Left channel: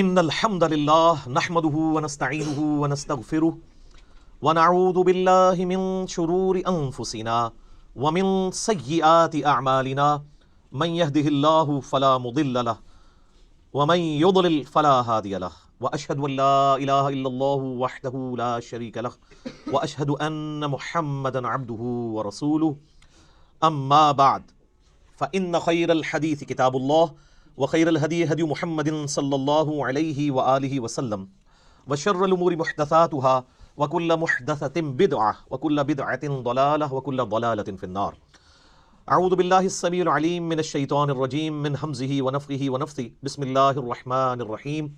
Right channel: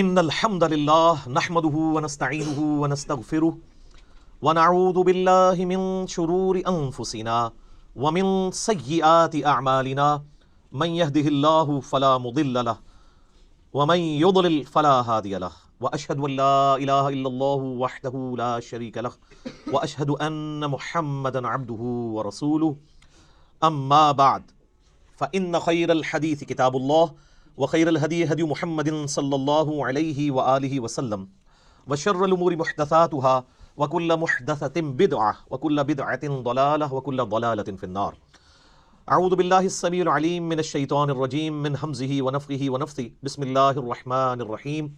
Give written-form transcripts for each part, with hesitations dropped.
ان الحمد للہ نحمده ونستعینه ونستغفره ونعوذ باللہ من شرور انفسنا ومن سیئات اعمالنا من يهده الله فلا مضل له ومن يضلل فلا هادي له واشهد ان لا اله الا الله وحده لا شريك له واشهد ان محمدا عبده ورسوله اما بعد فان خير الحديث كتاب الله وخير الهدي هدي محمد صلى الله عليه وآله وسلم وشر الأمور محدثاتها وكل محدثة بدعة وكل بدعة ضلالة وكل ضلالة في النار. أعوذ بالله السميع العليم من الشيطان الرجيم من همزه ونفخه ونفثه. بسم الله الرحمن الرحيم.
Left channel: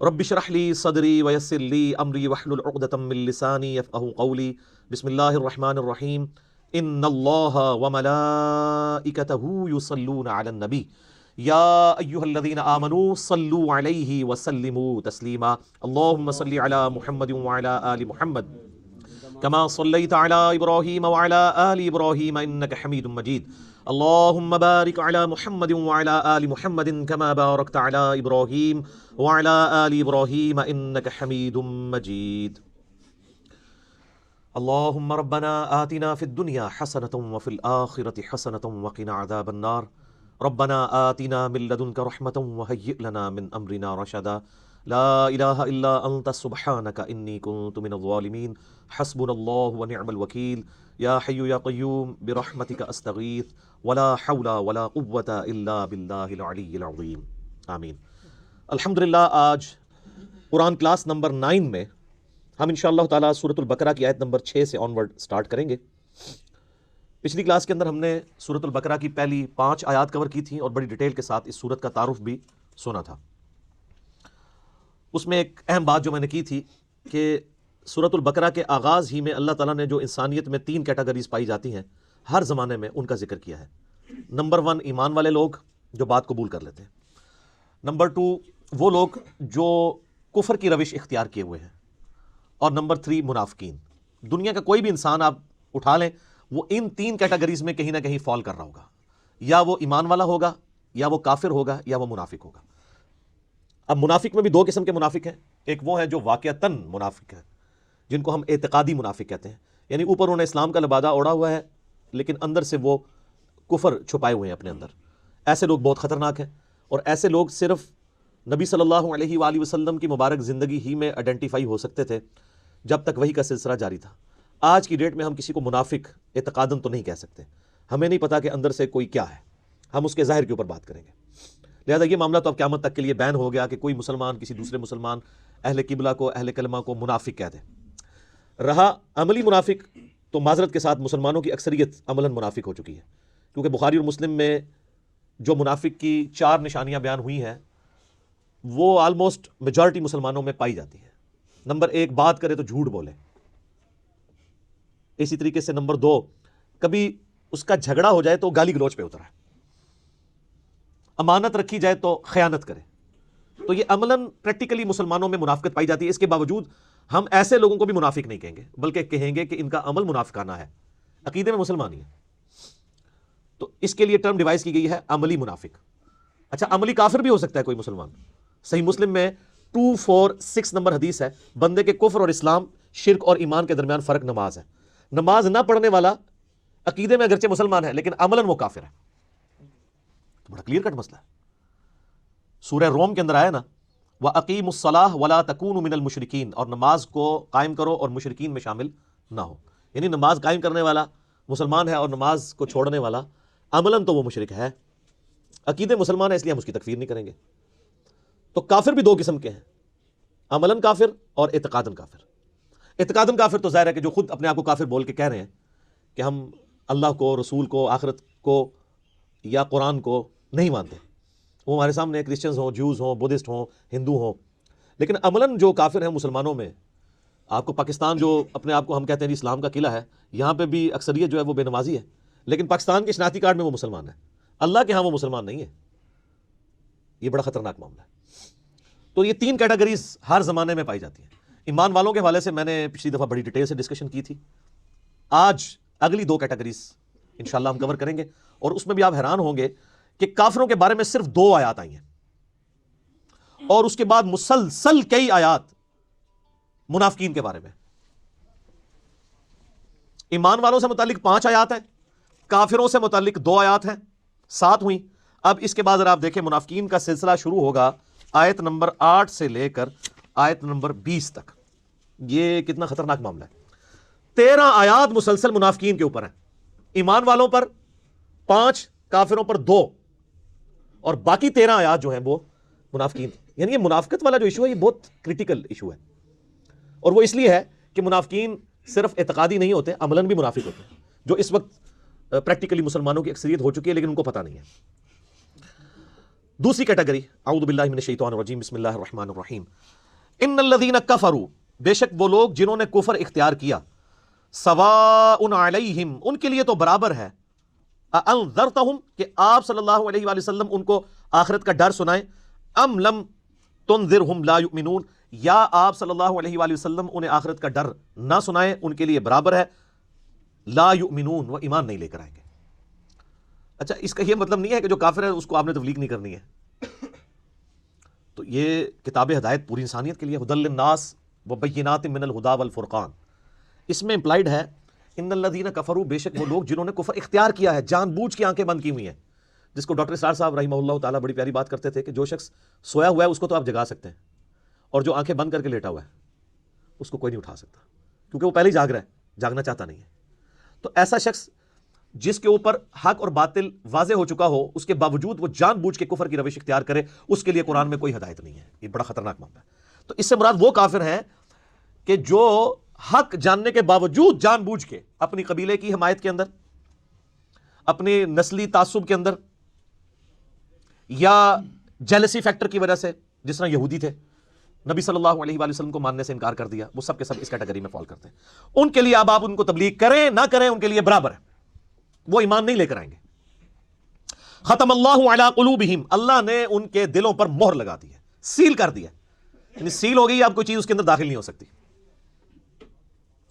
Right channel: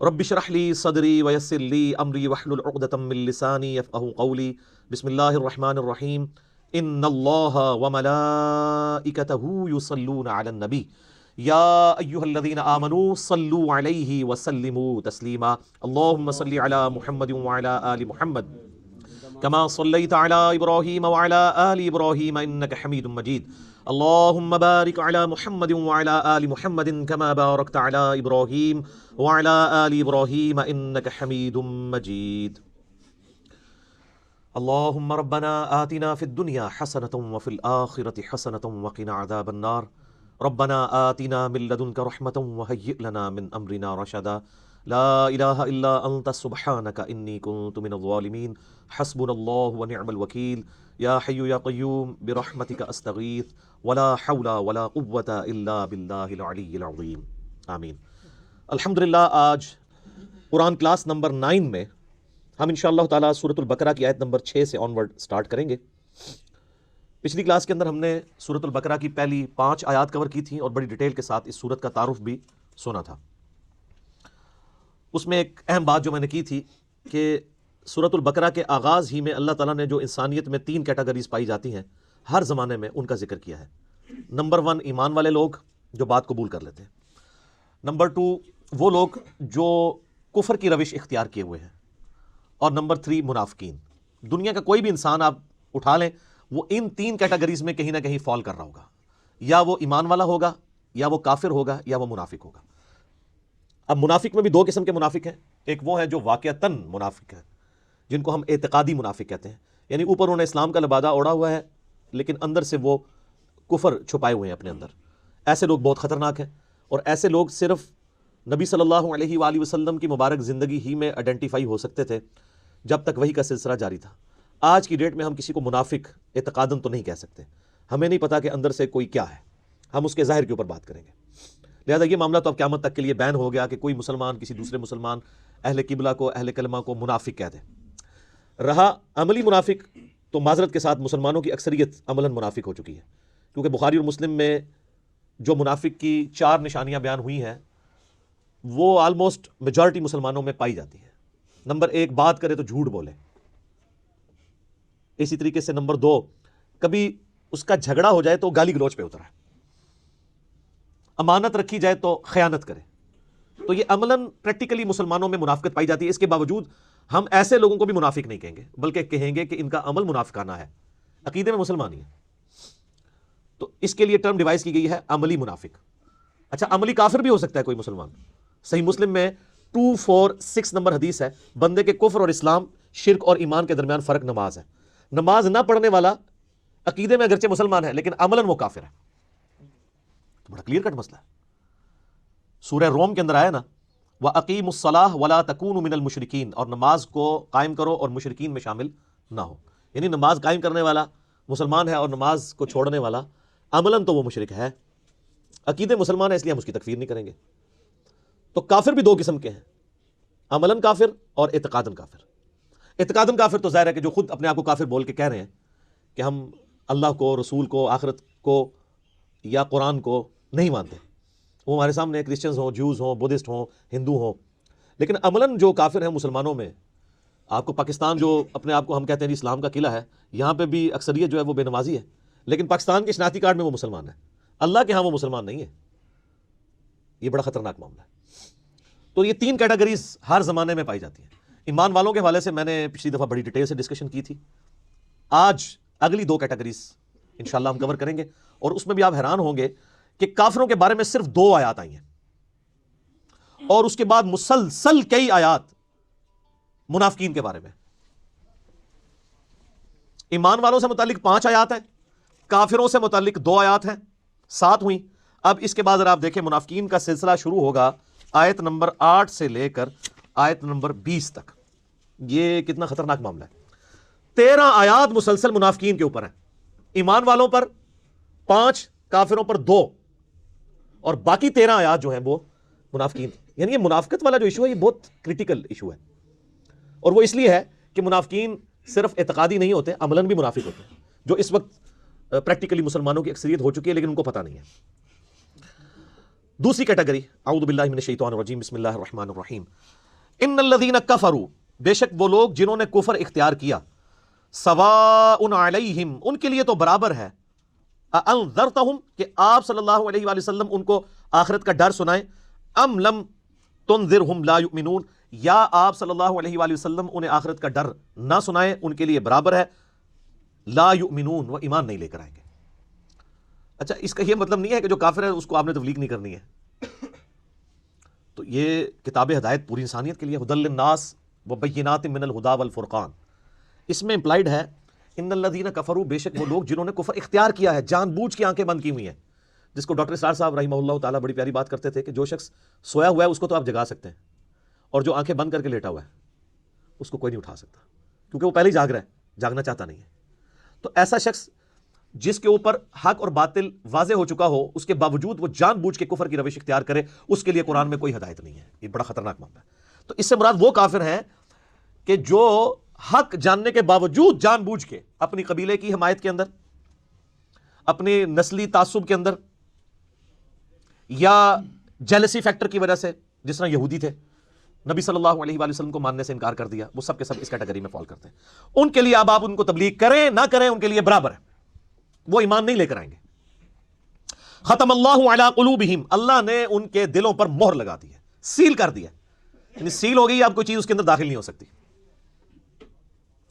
رب اشرح لي صدري ويسر لي أمري واحلل عقدة من لساني يفقهوا قولي. بسم الله الرحمن الرحيم. إن الله وملائكته يصلون على النبي یا ایھا الذین آمنوا صلوا علیہ وسلموا تسلیما. اللهم صل علی محمد وعلی آل محمد كما صليت على ابراہیم وعلى آل ابراہیم انک حمید مجید. اللهم بارک علی محمد وعلى آل محمد كما بارکت علی ابراہیم وعلى آل ابراہیم انک حمید مجید. اللهم ربنا آتنا في الدنيا حسنة وفي الآخرة حسنة وقنا عذاب النار. ربنا آتنا من لدنك رحمة وهيئ لنا من أمرنا رشدا. لا إله إلا أنت سبحانك إني كنت من الظالمين. حسبنا الله ونعم الوكيل. يا حي يا قيوم برحمتك أستغيث ولا حول ولا قوة إلا بالله العلي العظيم. آمین. الحمدللہ آج قرآن کلاس نمبر 9 میں ہم انشاءاللہ تعالیٰ سورۃ البقرہ کی آیت نمبر 6 سے آنورڈ سٹارٹ کریں گے. پچھلی کلاس کے اندر ہم نے سورۃ البقرہ کی پہلی 5 آیات کور کی تھیں اور بڑی ڈیٹیل کے ساتھ اس سورت کا تعارف بھی سنا تھا. اس میں ایک اہم بات جو میں نے کی تھی کہ سورۃ البقرہ کے آغاز ہی میں اللہ تعالیٰ نے جو انسانیت میں 3 کیٹیگریز پائی جاتی ہیں ہر زمانے میں ان کا ذکر کیا ہے. نمبر 1 ایمان والے لوگ جو بات قبول کر لیتے ہیں. نمبر 2 وہ لوگ جو کفر کی روش اختیار کیے ہوئے ہیں. اور نمبر 3 منافقین. دنیا کا کوئی بھی انسان آپ اٹھا لیں وہ ان 3 کیٹیگریز میں کہیں نہ کہیں فال کر رہا ہوگا. یا وہ ایمان والا ہوگا یا وہ کافر ہوگا یا وہ منافق ہوگا. اب منافق میں بھی 2 قسم کے منافق ہیں. ایک وہ ہیں جو واقعتاً منافق ہیں جن کو ہم اعتقادی منافق کہتے ہیں, یعنی اوپر انہوں نے اسلام کا لبادہ اوڑھا ہوا ہے لیکن اندر سے وہ کفر چھپائے ہوئے ہیں اپنے اندر. ایسے لوگ بہت خطرناک ہیں اور ایسے لوگ صرف نبی صلی اللہ علیہ وآلہ وسلم کی مبارک زندگی ہی میں آئیڈینٹیفائی ہو سکتے تھے جب تک وحی کا سلسلہ جاری تھا. آج کی ڈیٹ میں ہم کسی کو منافق اعتقاداً تو نہیں کہہ سکتے. ہمیں نہیں پتا کہ اندر سے کوئی کیا ہے, ہم اس کے ظاہر کے اوپر بات کریں گے. لہٰذا یہ معاملہ تو اب قیامت تک کے لیے بین ہو گیا کہ کوئی مسلمان کسی دوسرے مسلمان اہل قبلہ کو اہل کلمہ کو منافق کہہ دے. رہا عملی منافق تو معذرت کے ساتھ مسلمانوں کی اکثریت عملاً منافق ہو چکی ہے, کیونکہ بخاری اور مسلم میں جو منافق کی 4 نشانیاں بیان ہوئی ہیں وہ آلموسٹ میجارٹی مسلمانوں میں پائی جاتی ہیں. نمبر 1 بات کرے تو جھوٹ بولے. اسی طریقے سے نمبر 2 کبھی اس کا جھگڑا ہو جائے تو گالی گلوچ پہ اترا. امانت رکھی جائے تو خیانت کرے. تو یہ عملاً پریکٹیکلی مسلمانوں میں منافقت پائی جاتی ہے. اس کے باوجود ہم ایسے لوگوں کو بھی منافق نہیں کہیں گے بلکہ کہیں گے کہ ان کا عمل منافقینہ ہے, عقیدے میں مسلمان ہی. تو اس کے لیے ٹرم ڈیوائز کی گئی ہے عملی منافق. اچھا عملی کافر بھی ہو سکتا ہے کوئی مسلمان. صحیح مسلم میں 246 نمبر حدیث ہے, بندے کے کفر اور اسلام شرک اور ایمان کے درمیان فرق نماز ہے. نماز نہ پڑھنے والا عقیدے میں اگرچہ مسلمان ہے لیکن عملاً وہ کافر ہے. تو بڑا کلیئر کٹ مسئلہ ہے. سورہ روم کے اندر آیا نا وَأَقِيمُوا الصَّلَاةَ وَلَا تَكُونُوا مِنَ الْمُشْرِكِينَ, اور نماز کو قائم کرو اور مشرکین میں شامل نہ ہو. یعنی نماز قائم کرنے والا مسلمان ہے اور نماز کو چھوڑنے والا عملاً تو وہ مشرک ہے. عقیدے مسلمان ہے اس لیے ہم اس کی تکفیر نہیں کریں گے. تو کافر بھی 2 قسم کے ہیں, عملاً کافر اور اعتقاداً کافر. اعتقاداً کافر تو ظاہر ہے کہ جو خود اپنے آپ کو کافر بول کے کہہ رہے ہیں کہ ہم اللہ کو, رسول کو, آخرت کو یا قرآن کو نہیں مانتے. وہ ہمارے سامنے کرسچنز ہوں, جوز ہوں, بدھسٹ ہوں, ہندو ہوں. لیکن عملاً جو کافر ہیں مسلمانوں میں, آپ کو پاکستان جو اپنے آپ کو ہم کہتے ہیں اسلام کا قلعہ ہے, یہاں پہ بھی اکثریت جو ہے وہ بے نمازی ہے لیکن پاکستان کی شناختی کارڈ میں وہ مسلمان ہے. اللہ کے ہاں وہ مسلمان نہیں ہے. یہ بڑا خطرناک معاملہ ہے. تو یہ 3 کیٹیگریز ہر زمانے میں پائی جاتی ہیں. ایمان والوں کے حوالے سے میں نے پچھلی دفعہ بڑی ڈیٹیل سے ڈسکشن کی تھی. آج اگلی 2 کیٹیگریز انشاءاللہ ہم کور کریں گے اور اس میں بھی آپ حیران ہوں گے کہ کافروں کے بارے میں صرف 2 آیات آئی ہیں اور اس کے بعد مسلسل کئی آیات منافقین کے بارے میں. ایمان والوں سے متعلق 5 آیات ہیں, کافروں سے متعلق 2 آیات ہیں, 7 ہوئی. اب اس کے بعد اگر آپ دیکھیں منافقین کا سلسلہ شروع ہوگا آیت نمبر 8 سے لے کر آیت نمبر 20 تک. یہ کتنا خطرناک معاملہ ہے. 13 آیات مسلسل منافقین کے اوپر ہیں, ایمان والوں پر 5, کافروں پر 2, اور باقی 13 آیات جو ہیں وہ منافقین. یعنی یہ منافقت والا جو ایشو ہے یہ بہت کریٹیکل ایشو ہے, اور وہ اس لیے ہے کہ منافقین صرف اعتقادی نہیں ہوتے, عملاً بھی منافق ہوتے ہیں, جو اس وقت پریکٹیکلی مسلمانوں کی اکثریت ہو چکی ہے لیکن ان کو پتہ نہیں ہے. دوسری کیٹیگری, اعوذ باللہ من الشیطان الرجیم, بسم اللہ الرحمن الرحیم. ان الذین کفروا, بے شک وہ لوگ جنہوں نے کفر اختیار کیا, سواء علیہم, ان کے لیے تو برابر ہے, انذرتہم, کہ آپ صلی اللہ علیہ وآلہ وسلم ان کو آخرت کا ڈر سنائیں, ام لم تنذرہم لا یؤمنون, یا آپ صلی اللہ علیہ وآلہ وسلم انہیں آخرت کا ڈر نہ سنائیں, ان کے لیے برابر ہے, لا یؤمنون, وہ ایمان نہیں لے کر آئیں گے. اچھا, اس کا یہ مطلب نہیں ہے کہ جو کافر ہے اس کو آپ نے تبلیغ نہیں کرنی ہے. تو یہ کتاب ہدایت پوری انسانیت کے لیے, ھدی للناس وبینات من الہدی والفرقان. اس میں امپلائڈ ہے ان الذین کفروا, بے شک وہ لوگ جنہوں نے کفر اختیار کیا ہے, جان بوجھ کے آنکھیں بند کی ہوئی ہیں, جس کو ڈاکٹر اسرار صاحب رحمہ اللہ تعالیٰ بڑی پیاری بات کرتے تھے کہ جو شخص سویا ہوا ہے اس کو تو آپ جگا سکتے ہیں, اور جو آنکھیں بند کر کے لیٹا ہوا ہے اس کو کوئی نہیں اٹھا سکتا, کیونکہ وہ پہلے ہی جاگ رہا ہے, جاگنا چاہتا نہیں ہے. تو ایسا شخص جس کے اوپر حق اور باطل واضح ہو چکا ہو, اس کے باوجود وہ جان بوجھ کے کفر کی روش اختیار کرے, اس کے لیے قرآن میں کوئی ہدایت نہیں ہے. یہ بڑا خطرناک معاملہ ہے. تو اس سے مراد وہ کافر ہیں کہ جو حق جاننے کے باوجود جان بوجھ کے اپنی قبیلے کی حمایت کے اندر, اپنے نسلی تعصب کے اندر, یا جیلسی فیکٹر کی وجہ سے, جس طرح یہودی تھے, نبی صلی اللہ علیہ وآلہ وسلم کو ماننے سے انکار کر دیا, وہ سب کے سب اس کیٹیگری میں فال کرتے ہیں. ان کے لیے اب آپ ان کو تبلیغ کریں نہ کریں, ان کے لیے برابر ہے, وہ ایمان نہیں لے کر آئیں گے. ختم اللہ علی قلوبہم, اللہ نے ان کے دلوں پر مہر لگا دی ہے, سیل کر دیا. یعنی سیل ہو گئی, اب کوئی چیز اس کے اندر داخل نہیں ہو سکتی.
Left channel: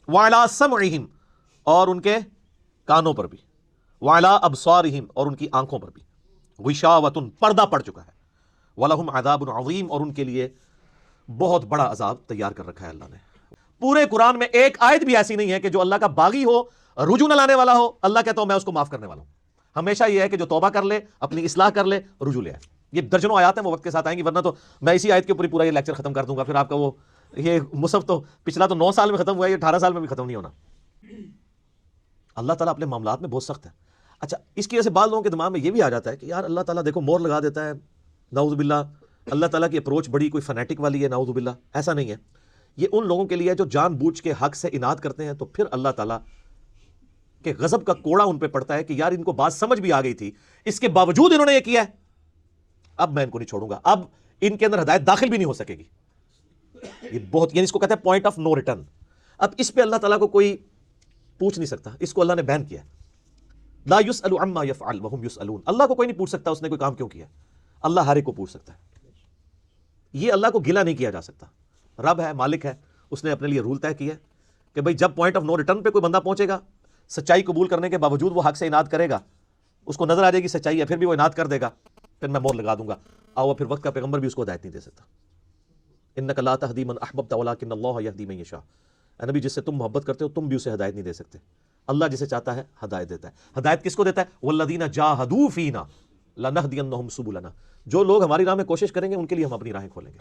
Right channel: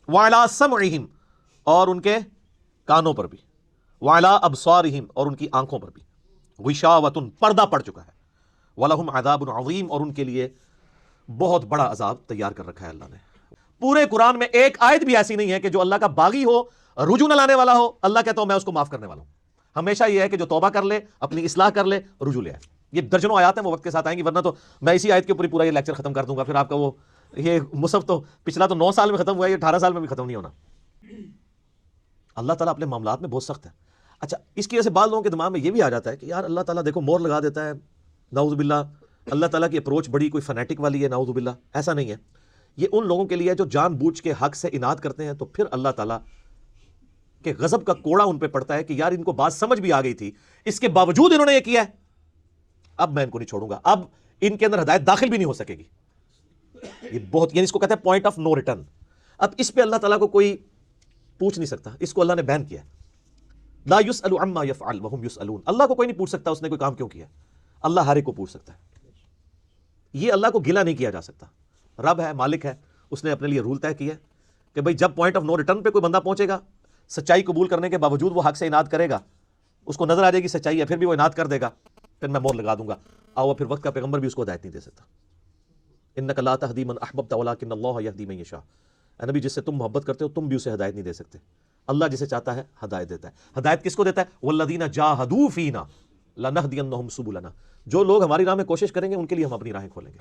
وعلی سمعہم, اور ان کے کانوں پر بھی, وعلی ابصارہم, اور ان کی آنکھوں پر بھی, غشاوۃ, پردہ پڑ چکا ہے, ولہم عذاب عظیم, اور ان کے لیے بہت بڑا عذاب تیار کر رکھا ہے اللہ نے. پورے قرآن میں ایک آیت بھی ایسی نہیں ہے کہ جو اللہ کا باغی ہو, رجوع نہ لانے والا ہو, اللہ کہتا ہوں میں اس کو معاف کرنے والا ہوں. ہمیشہ یہ ہے کہ جو توبہ کر لے, اپنی اصلاح کر لے, رجوع لے. یہ درجنوں آیات ہیں, وہ وقت کے ساتھ آئیں گی, ورنہ تو میں اسی آیت کے اوپر پورا یہ لیکچر ختم کر دوں گا, پھر آپ کا وہ یہ مصحف تو پچھلا تو 9 سال میں ختم ہوا ہے, یہ 18 سال میں بھی ختم نہیں ہونا. اللہ تعالیٰ اپنے معاملات میں بہت سخت ہے. اچھا, اس کی وجہ سے بعض لوگوں کے دماغ میں یہ بھی آ جاتا ہے کہ یار اللہ تعالیٰ دیکھو مور لگا دیتا ہے, نعوذ باللہ, اللہ تعالیٰ کی اپروچ بڑی کوئی فنیٹک والی ہے, نعوذ باللہ. ایسا نہیں ہے. یہ ان لوگوں کے لیے جو جان بوجھ کے حق سے اناد کرتے ہیں, تو پھر اللہ تعالیٰ کہ غضب کا کوڑا ان پہ پڑتا ہے کہ یار ان کو بات سمجھ بھی آ گئی تھی, اس کے باوجود انہوں نے یہ کیا ہے, اب میں ان کو نہیں چھوڑوں گا, اب ان کے اندر ہدایت داخل بھی نہیں ہو سکے گی. یہ بہت, یعنی اس کو کہتے ہیں پوائنٹ آف نو ریٹرن. اب اس پہ اللہ تعالیٰ کو کوئی پوچھ نہیں سکتا, اس کو اللہ نے بین کیا. لا یسأل عما یفعل وہم یسألون, اللہ کو کوئی نہیں پوچھ سکتا اس نے کوئی کام کیوں کیا. اللہ ہر ایک کو پوچھ سکتا ہے. یہ اللہ کو گلہ نہیں کیا جا سکتا. رب ہے, مالک ہے, اس نے اپنے لیے رول طے کیا ہے کہ بھئی جب پوائنٹ آف نو ریٹرن پہ کوئی بندہ پہنچے گا, سچائی قبول کرنے کے باوجود وہ حق سے اناد کرے گا, اس کو نظر آ جائے گی سچائی ہے, پھر بھی وہ اناد کر دے گا, پھر میں مور لگا دوں گا. اور پھر وقت کا پیغمبر بھی اس کو ہدایت نہیں دے سکتا. انک لا تہدی من احببت ولکن اللہ یہدی من یشاء. اے نبی, جس سے تم محبت کرتے ہو تم بھی اسے ہدایت نہیں دے سکتے, اللہ جسے چاہتا ہے ہدایت دیتا ہے. ہدایت کس کو دیتا ہے؟ والذین جاہدوا فینا لنہدینہم سبلنا. جو لوگ ہماری راہ میں کوشش کریں گے ان کے لیے ہم اپنی راہیں کھولیں گے.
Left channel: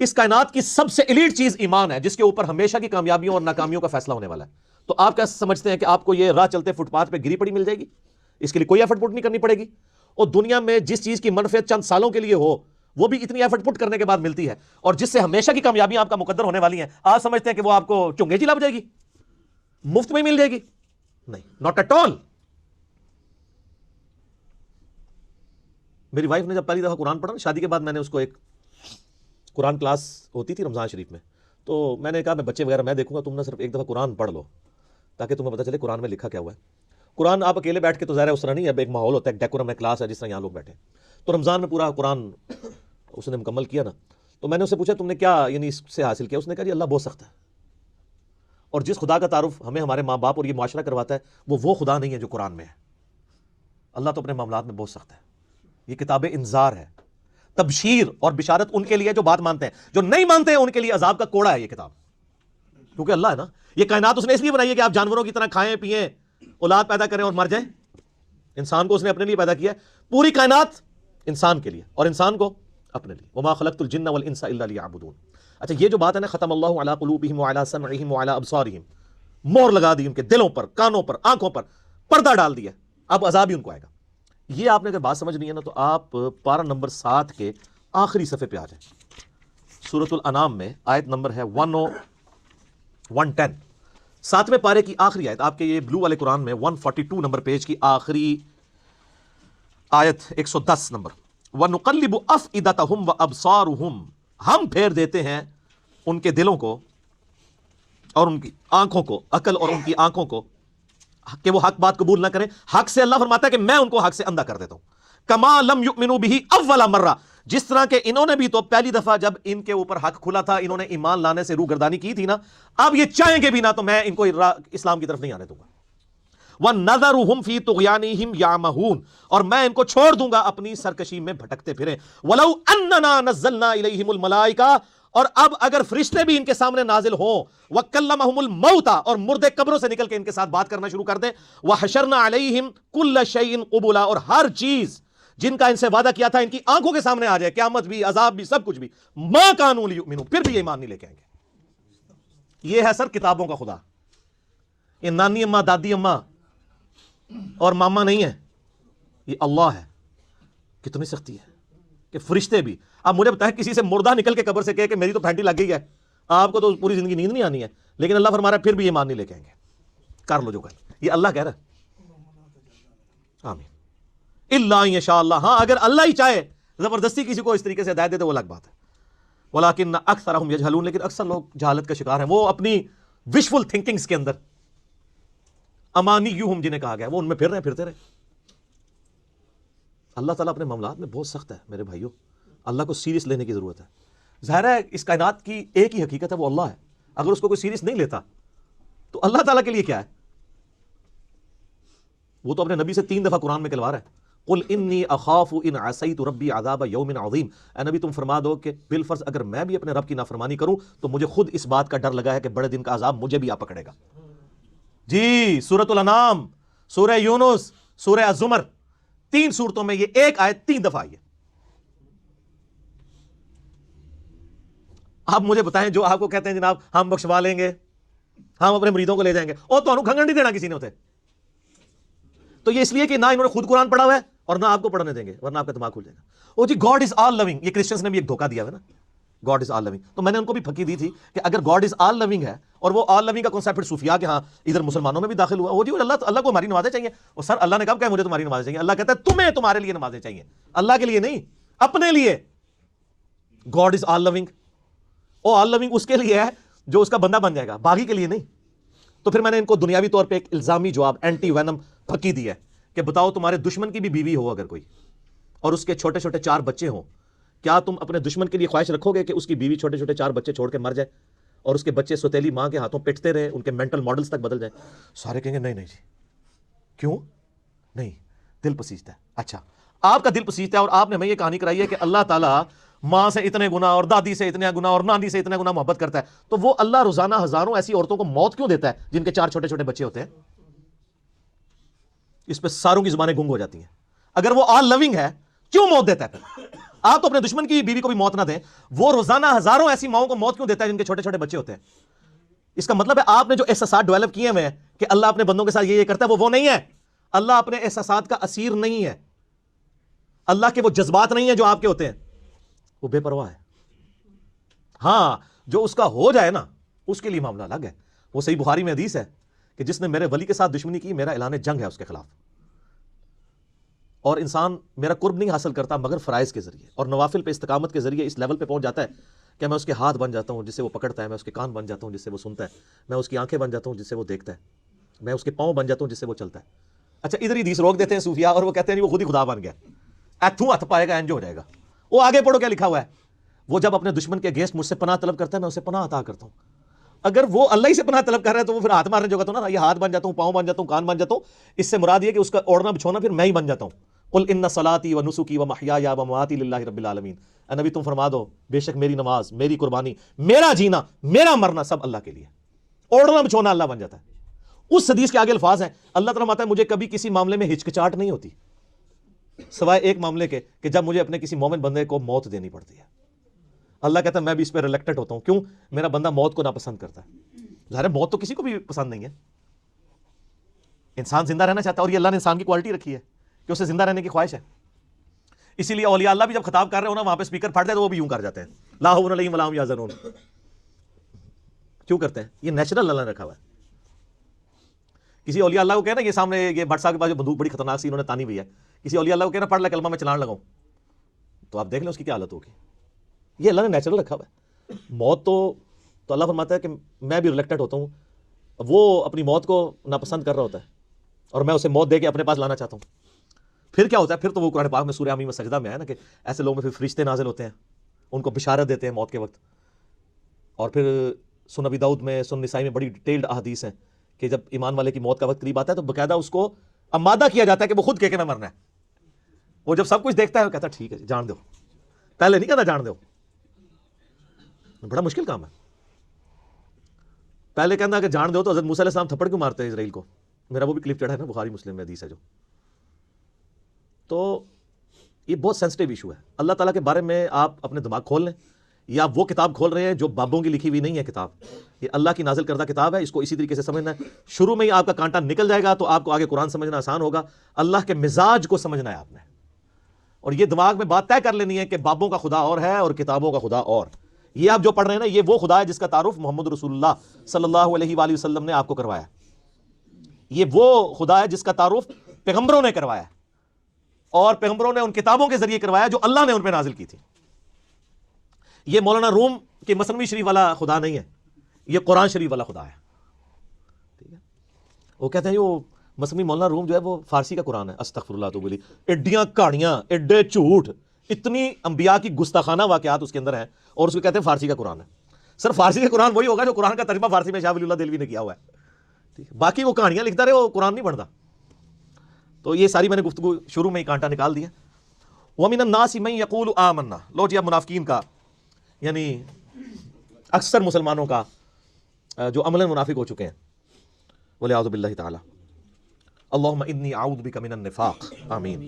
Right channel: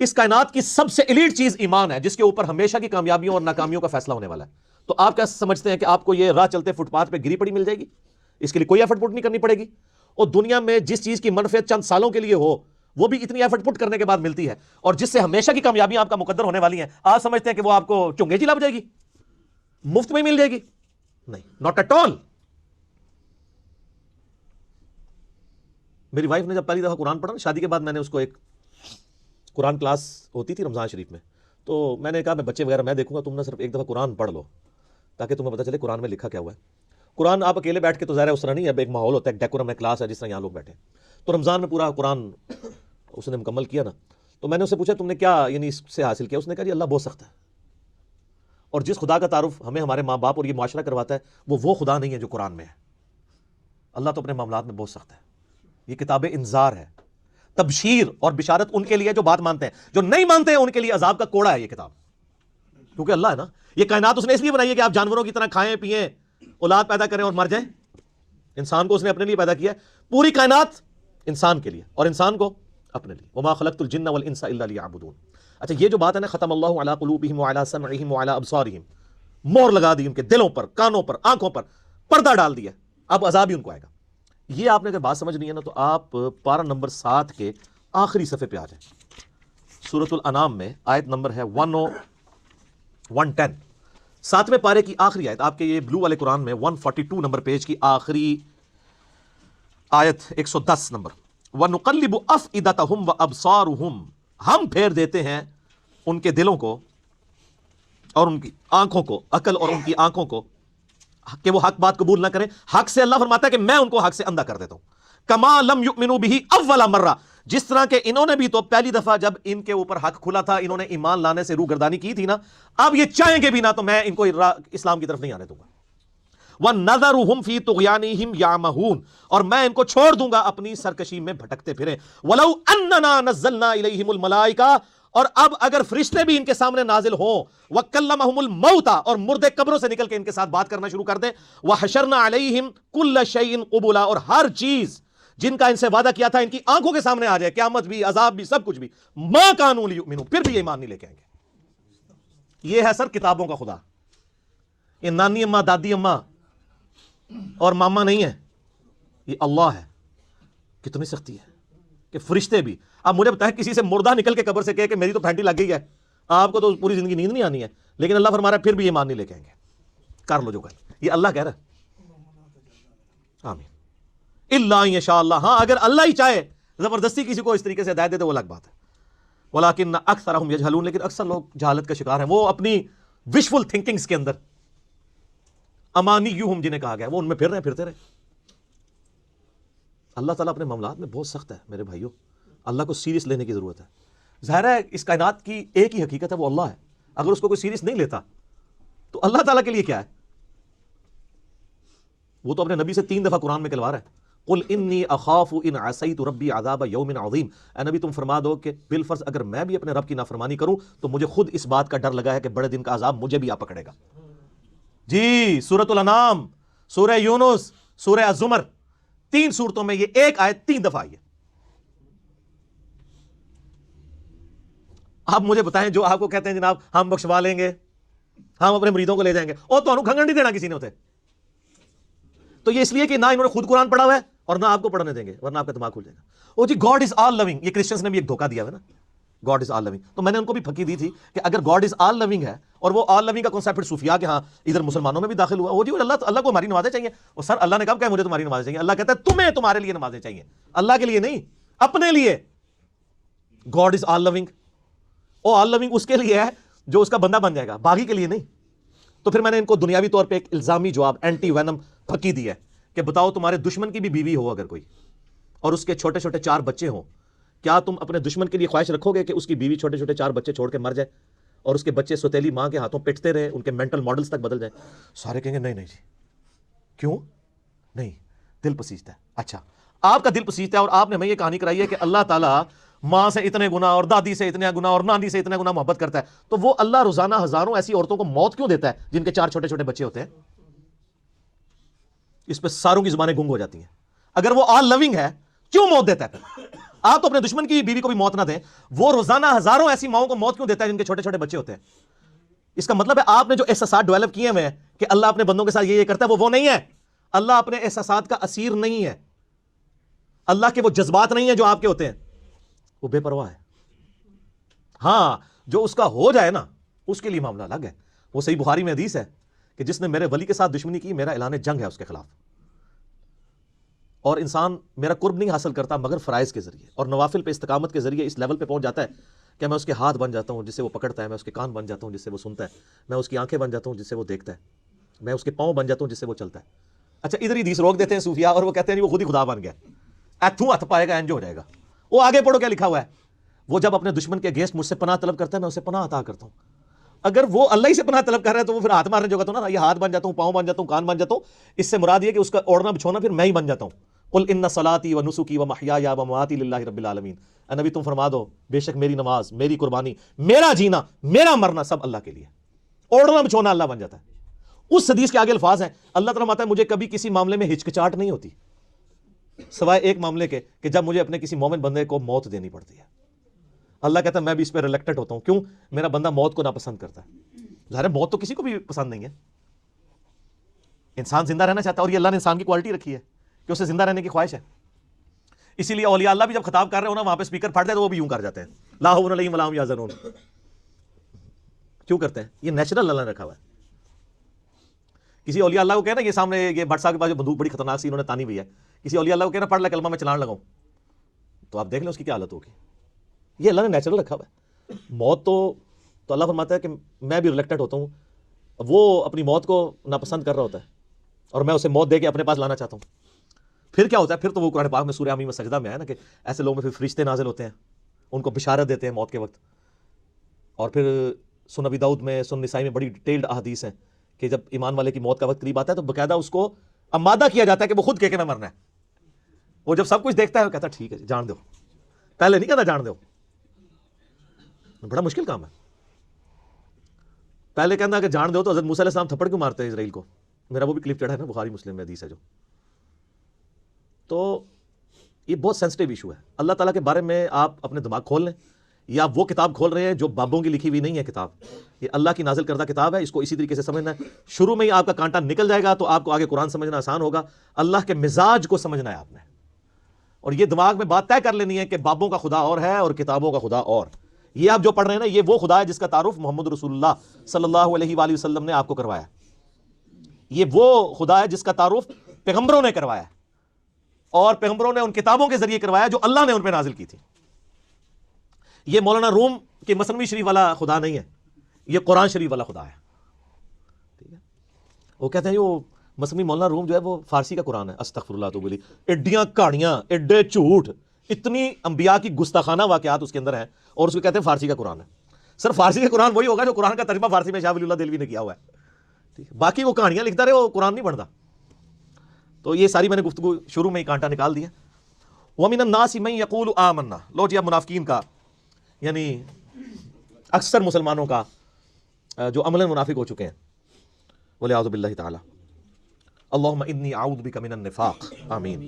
اس کائنات کی سب سے ایلیٹ چیز ایمان ہے, جس کے اوپر ہمیشہ کی کامیابیوں اور ناکامیوں کا فیصلہ ہونے والا ہے. تو آپ کیا سمجھتے ہیں کہ آپ کو یہ راہ چلتے فٹ پاتھ پہ گری پڑی مل جائے گی؟ اس کے لیے کوئی ایفرٹ پٹ نہیں کرنی پڑے گی. اور دنیا میں جس چیز کی منفعت چند سالوں کے لیے ہو, وہ بھی اتنی ایفرٹ پٹ کرنے کے بعد ملتی ہے, اور جس سے ہمیشہ کی کامیابیاں آپ کا مقدر ہونے والی ہیں, آپ سمجھتے ہیں کہ وہ آپ کو چنگے جی لگ جائے گی, مفت میں مل جائے گی؟ نہیں, ناٹ ایٹ آل. میری وائف نے جب پہلی دفعہ قرآن پڑھا, شادی کے بعد میں نے اس کو ایک قرآن کلاس ہوتی تھی رمضان شریف میں, تو میں نے کہا میں بچے وغیرہ میں دیکھوں گا, تم نہ صرف ایک دفعہ قرآن پڑھ لو تاکہ تمہیں پتہ چلے قرآن میں لکھا کیا ہوا ہے. قرآن آپ اکیلے بیٹھ کے تو ظاہر ہے اس طرح نہیں ہے, اب ایک ماحول ہوتا ہے, ایک ڈیکورم ہے, کلاس ہے, جس طرح یہاں لوگ بیٹھے. تو رمضان میں پورا قرآن اس نے مکمل کیا نا, تو میں نے اس سے پوچھا تم نے کیا یعنی اس سے حاصل کیا؟ اس نے کہا جی اللہ بہت سخت ہے, اور جس خدا کا تعارف ہمیں ہمارے ماں باپ اور یہ معاشرہ کرواتا ہے وہ خدا نہیں ہے جو قرآن میں ہے. اللہ تو اپنے معاملات میں بہت سخت ہے. یہ کتاب انذار ہے, تبشیر اور بشارت ان کے لیے جو بات مانتے ہیں، جو نہیں مانتے ہیں ان کے لیے عذاب کا کوڑا ہے یہ کتاب. کیونکہ اللہ ہے نا، یہ کائنات اس نے اس لیے بنائی ہے کہ آپ جانوروں کی طرح کھائیں پیئیں، اولاد پیدا کریں اور مر جائیں. انسان کو اس نے اپنے لیے پیدا کیا ہے، پوری کائنات انسان کے لیے اور انسان کو اپنے لیے. وما خلقت الجن والانس الا لیعبدون. اچھا یہ جو بات ہے نا، ختم اللہ علی قلوبہم وعلی سمعہم وعلی ابصارہم، مور لگا دی ان کے دلوں پر، کانوں پر، آنکھوں پر، پردہ ڈال دیا، اب عذاب ہی ان کو آئے گا. یہ آپ نے اگر بات سمجھنی ہے نا تو آپ پارہ نمبر 7 کے آخری صفحے پہ آ جائیں. سورۃ الانعام میں آیت نمبر ہے 110، 7ویں پارے کی آخری آیت، آپ کے یہ بلو والے قرآن میں 142 نمبر پیج کی آخری آیت 110 نمبر. وَنُقَلِّبُ أَفْئِدَتَهُمْ وَأَبْصَارُهُمْ، ہم پھیر دیتے ہیں ان کے دلوں کو اور ان کی آنکھوں کو، عقل اور ان کی آنکھوں کو، کہ وہ حق بات قبول نہ کریں. حق سے اللہ فرماتا ہے کہ میں ان کو حق سے اندھا کر دیتا ہوں. کما لم یؤمنوا به اول مرہ، جس طرح کہ انہوں نے بھی تو پہلی دفعہ جب ان کے اوپر حق کھلا تھا انہوں نے ایمان لانے سے روگردانی کی تھی نا، اب یہ چاہیں گے بھی نہ تو میں ان کو اسلام کی طرف نہیں آنے دوں گا. وَنَذَرُهُمْ فِي طُغْيَانِهِمْ يَعْمَهُونَ، اور میں ان کو چھوڑ دوں گا اپنی سرکشی میں بھٹکتے پھریں. وَلَوْ أَنَّنَا نَزَّلْنَا إِلَيْهِمُ الْمَلَائِكَةَ، اور اب اگر فرشتے بھی ان کے سامنے نازل ہوں، وَكَلَّمَهُمُ الْمَوْتَى، اور مردے قبروں سے نکل کے ان کے ساتھ بات کرنا شروع کر دیں، وَحَشَرْنَا عَلَيْهِمْ كُلَّ شَيْءٍ قُبُلًا، اور ہر چیز جن کا ان سے وعدہ کیا تھا ان کی آنکھوں کے سامنے آ جائے، قیامت بھی، عذاب بھی، سب کچھ بھی، مَا كَانُوا لِيُؤْمِنُوا، پھر بھی ایمان نہیں لے کے آئیں گے. یہ ہے سر کتابوں کا خدا. یہ نانی اماں، دادی اماں اور ماما نہیں ہے، یہ اللہ ہے. کتنی سختی ہے کہ فرشتے بھی. اب مجھے بتائیں کسی سے مردہ نکل کے قبر سے کہے کہ میری تو پھینٹی لگ گئی ہے، آپ کو تو پوری زندگی نیند نہیں آنی ہے، لیکن اللہ فرما رہا ہے پھر بھی ایمان نہیں لے کے آئیں گے. کر لو جو کہ یہ اللہ کہہ رہا ہے. آمین. الا ان شاء اللہ، ہاں اگر اللہ ہی چاہے زبردستی کسی کو اس طریقے سے ہدایت دے تو وہ الگ بات ہے. ولکن اکثرهم یجہلون، لیکن اکثر لوگ جہالت کا شکار ہیں. وہ اپنی وشفل تھنکنگز کے اندر، امانیہم جنہیں کہا گیا، وہ ان میں پھر رہے پھرتے رہے. اللہ تعالیٰ اپنے معاملات میں بہت سخت ہے میرے بھائیوں، اللہ کو سیریس لینے کی ضرورت ہے. ظاہر ہے اس کائنات کی ایک ہی حقیقت ہے، وہ اللہ ہے. اگر اس کو کوئی سیریس نہیں لیتا تو اللہ تعالیٰ کے لیے کیا ہے؟ وہ تو اپنے نبی سے 3 دفعہ قرآن میں کہلوا رہا ہے، قل انی اخاف ان عصیت ربی عذاب یوم عظیم. اے نبی تم فرما دو کہ بالفرض اگر میں بھی اپنے رب کی نافرمانی کروں تو مجھے خود اس بات کا ڈر لگا ہے کہ بڑے دن کا عذاب مجھے بھی آ پکڑے گا. جی سورۃ الانعام، سورہ یونس، سورہ الزمر، 3 سورتوں میں یہ ایک آیت 3 دفعہ آئی ہے. آپ مجھے بتائیں جو آپ کو کہتے ہیں جناب ہم بخشوا لیں گے، ہم اپنے مریدوں کو لے جائیں گے، اور تو کھنگن نہیں دینا کسی نے ہوتے، تو یہ اس لیے کہ نہ انہوں نے خود قرآن پڑھا ہوا ہے اور نہ آپ کو پڑھنے دیں گے، ورنہ آپ کا دماغ کھل جائے گا. وہ جی گاڈ از آل لونگ، یہ کرسچنس نے بھی ایک دھوکہ دیا ہے نا، گاڈ از آل لونگ. تو میں نے ان کو بھی پھکی دی تھی کہ اگر گاڈ از آل لونگ ہے اور وہ آل لونگ کا کنسیپٹ پھر صوفیاء کے ہاں ادھر مسلمانوں میں بھی داخل ہوا، وہ جی اللہ کو ہماری نمازیں چاہیے. اور سر اللہ نے کب کہا مجھے تمہاری نمازیں چاہیے؟ اللہ کہتا ہے تمہیں تمہارے لیے نمازیں چاہیے، اللہ کے لیے نہیں، اپنے لیے. گاڈ از آل لونگ، وہ آل لونگ اس کے لیے ہے جو اس کا بندہ بن جائے گا، باقی کے لیے نہیں. تو پھر میں نے ان کو دنیاوی طور پہ ایک الزامی جواب، اینٹی وینم پھکی دی ہے کہ بتاؤ تمہارے دشمن کی بھی بیوی ہو اگر کوئی اور اس کے چھوٹے چھوٹے 4 بچے ہوں، کیا تم اپنے دشمن کے لیے خواہش رکھو گے کہ اس کی بیوی چھوٹے چھوٹے 4 بچے چھوڑ کے مر جائے اور اس کے بچے سوتیلی ماں کے ہاتھوں پٹتے رہے، ان کے مینٹل ماڈلز تک بدل جائے؟ سارے کہیں گے نہیں نہیں جی. کیوں نہیں؟ دل پسیجتا ہے. اچھا آپ کا دل پسیجتا ہے اور آپ نے ہمیں یہ کہانی کرائی ہے کہ اللہ تعالیٰ ماں سے اتنے گنا اور دادی سے اتنے گنا اور نانی سے اتنے گنا محبت کرتا ہے، تو وہ اللہ روزانہ ہزاروں ایسی عورتوں کو موت کیوں دیتا ہے جن کے 4 چھوٹے چھوٹے بچے ہوتے ہیں؟ اس پہ ساروں کی زبانیں گنگ ہو جاتی ہیں. اگر وہ آل لونگ ہے کیوں موت دیتا ہے؟ پھر آپ تو اپنے دشمن کی بیوی کو بھی موت نہ دیں، وہ روزانہ ہزاروں ایسی ماؤں کو موت کیوں دیتا ہے جن کے چھوٹے چھوٹے بچے ہوتے ہیں؟ اس کا مطلب ہے آپ نے جو احساسات ڈیولپ کیے ہوئے ہیں کہ اللہ اپنے بندوں کے ساتھ یہ کرتا ہے، وہ نہیں ہے. اللہ اپنے احساسات کا اسیر نہیں ہے، اللہ کے وہ جذبات نہیں ہیں جو آپ کے ہوتے ہیں، وہ بے پرواہ ہے. ہاں جو اس کا ہو جائے نا اس کے لیے معاملہ الگ ہے. وہ صحیح بخاری میں حدیث ہے کہ جس نے میرے ولی کے ساتھ دشمنی کی میرا اعلان جنگ ہے اس کے خلاف. اور انسان میرا قرب نہیں حاصل کرتا مگر فرائض کے ذریعے اور نوافل پہ استقامت کے ذریعے اس لیول پہ پہنچ جاتا ہے کہ میں اس کے ہاتھ بن جاتا ہوں جس سے وہ پکڑتا ہے، میں اس کے کان بن جاتا ہوں جس سے وہ سنتا ہے، میں اس کی آنکھیں بن جاتا ہوں جس سے وہ دیکھتا ہے، میں اس کے پاؤں بن جاتا ہوں جس سے وہ چلتا ہے. اچھا ادھر ہی حدیث روک دیتے ہیں صوفیاء اور وہ کہتے ہیں وہ خود ہی خدا بن گیا، ہاتھوں ہاتھ پائے گا انج ہو جائے گا. وہ آگے پڑھو کیا لکھا ہوا ہے، وہ جب اپنے دشمن کے اگینسٹ مجھ سے پناہ طلب کرتا ہے میں اسے پناہ عطا کرتا ہوں. اگر وہ اللہ ہی سے پناہ طلب کر رہا ہے تو وہ پھر ہاتھ مارنے جو گا تو نا، یہ ہاتھ بن جاتا ہوں، پاؤں بن جاتا ہوں، کان بن جاتا ہوں، اس سے مراد یہ کہ اس کا اوڑھنا بچھونا پھر میں ہی بن جاتا ہوں. قل ان صلاتی و نسکی و محیای و مماتی للہ رب العالمین، اے نبی تم فرما دو بے شک میری نماز، میری قربانی، میرا جینا، میرا مرنا سب اللہ کے لیے، اوڑھنا بچھونا اللہ بن جاتا ہے۔ اس حدیث کے آگے الفاظ ہیں، اللہ تعالیٰ فرماتا ہے مجھے کبھی کسی معاملے میں ہچکچاہٹ نہیں ہوتی سوائے ایک معاملے کے کہ جب مجھے اپنے کسی مومن بندے کو موت دینی پڑتی ہے۔ اللہ کہتا ہے میں بھی اس پہ ریلیکٹڈ ہوتا ہوں، کیوں؟ میرا بندہ موت کو ناپسند کرتا ہے، ظاہر ہے موت تو کسی کو بھی پسند نہیں ہے، انسان زندہ رہنا چاہتا ہے، اور یہ اللہ نے انسان کی کوالٹی رکھی ہے کہ اسے زندہ رہنے کی خواہش ہے۔ اسی لیے اولیاء اللہ بھی جب خطاب کر رہے ہو نا وہاں پہ سپیکر پھٹ جائے تو وہ بھی یوں کر جاتے ہیں، لا حول علیہم ولا هم یحزنون۔ کیوں کرتے ہیں؟ یہ نیچرل اللہ نے رکھا ہوا ہے۔ کسی اولیاء اللہ کو کہنا یہ سامنے یہ بٹ صاحب کے پاس جو بندوق بڑی خطرناک سی انہوں نے تانی ہوئی ہے، کسی اولیاء اللہ کو کہنا پڑھ لے کلمہ میں چلان لگاؤں، تو آپ دیکھ لیں اس کی کیا حالت ہوگی۔ یہ اللہ نے نیچرل رکھا ہوا ہے۔ موت تو اللہ فرماتا ہے کہ میں بھی ریلیکٹڈ ہوتا ہوں، وہ اپنی موت کو ناپسند کر رہا ہوتا ہے اور میں اسے موت دے کے اپنے پاس لانا چاہتا ہوں۔ پھر کیا ہوتا ہے؟ پھر تو وہ قرآن پاک میں سورہ حمیم سجدہ میں ہے نا کہ ایسے لوگوں میں پھر فرشتے نازل ہوتے ہیں، ان کو بشارت دیتے ہیں موت کے وقت۔ اور پھر سنن ابی داؤد میں، سنن نسائی میں بڑی ڈیٹیلڈ احادیث ہیں کہ جب ایمان والے کی موت کا وقت قریب آتا ہے تو باقاعدہ اس کو آمادہ کیا جاتا ہے کہ وہ خود کہہ کے نہ مرنا ہے۔ وہ جب سب کچھ دیکھتا ہے وہ کہتا ہے ٹھیک ہے جان دو، پہلے نہیں کہتا جان دو، بڑا مشکل کام ہے۔ پہلے کہنا کہ جان دو تو حضرت موسیٰ علیہ السلام تھپڑ کیوں مارتے ہیں اسرائیل کو؟ میرا وہ بھی کلپ چڑھا ہے نا بخاری مسلم میں حدیث ہے جو۔ تو یہ بہت سینسٹیو ایشو ہے۔ اللہ تعالیٰ کے بارے میں آپ اپنے دماغ کھول لیں، یا وہ کتاب کھول رہے ہیں جو بابوں کی لکھی ہوئی نہیں ہے کتاب، یہ اللہ کی نازل کردہ کتاب ہے، اس کو اسی طریقے سے سمجھنا ہے۔ شروع میں ہی آپ کا کانٹا نکل جائے گا تو آپ کو آگے قرآن سمجھنا آسان ہوگا۔ اللہ کے مزاج کو سمجھنا ہے آپ نے، اور یہ دماغ میں بات طے کر لینی ہے کہ بابوں کا خدا اور ہے اور کتابوں کا خدا اور۔ یہ آپ جو پڑھ رہے ہیں نا یہ وہ خدا ہے جس کا تعارف محمد رسول اللہ صلی اللہ علیہ وآلہ وسلم نے آپ کو کروایا ہے۔ یہ وہ خدا ہے جس کا تعارف پیغمبروں نے کروایا ہے، اور پیغمبروں نے ان کتابوں کے ذریعے کروایا جو اللہ نے ان پہ نازل کی تھی۔ یہ مولانا روم کے مثنوی شریف والا خدا نہیں ہے، یہ قرآن شریف والا خدا ہے۔ ٹھیک ہے، وہ کہتے ہیں وہ مثنوی مولانا روم جو ہے وہ فارسی کا قرآن ہے، استغفر اللہ تو بولی، ایڈیاں کہانیاں، ایڈے جھوٹ، اتنی انبیاء کی گستاخانہ واقعات اس کے اندر ہیں، اور اس کو کہتے ہیں فارسی کا قرآن ہے۔ سر فارسی کا قرآن وہی ہوگا جو قرآن کا ترجمہ فارسی میں شاہ ولی اللہ دہلوی نے کیا ہوا ہے، باقی وہ کہانیاں لکھتا رہے، وہ قرآن نہیں پڑھتا۔ تو یہ ساری میں نے گفتگو شروع میں ہی کانٹا نکال دیا۔ وَمِنَ النَّاسِ مَن يَقُولُ آمَنَّا، لو جی اب منافقین کا، یعنی اکثر مسلمانوں کا جو عملاً منافق ہو چکے ہیں، وَلِعَوْذُ بِاللَّهِ تعالی، اللہم انی اعوذ بک من النفاق، آمین۔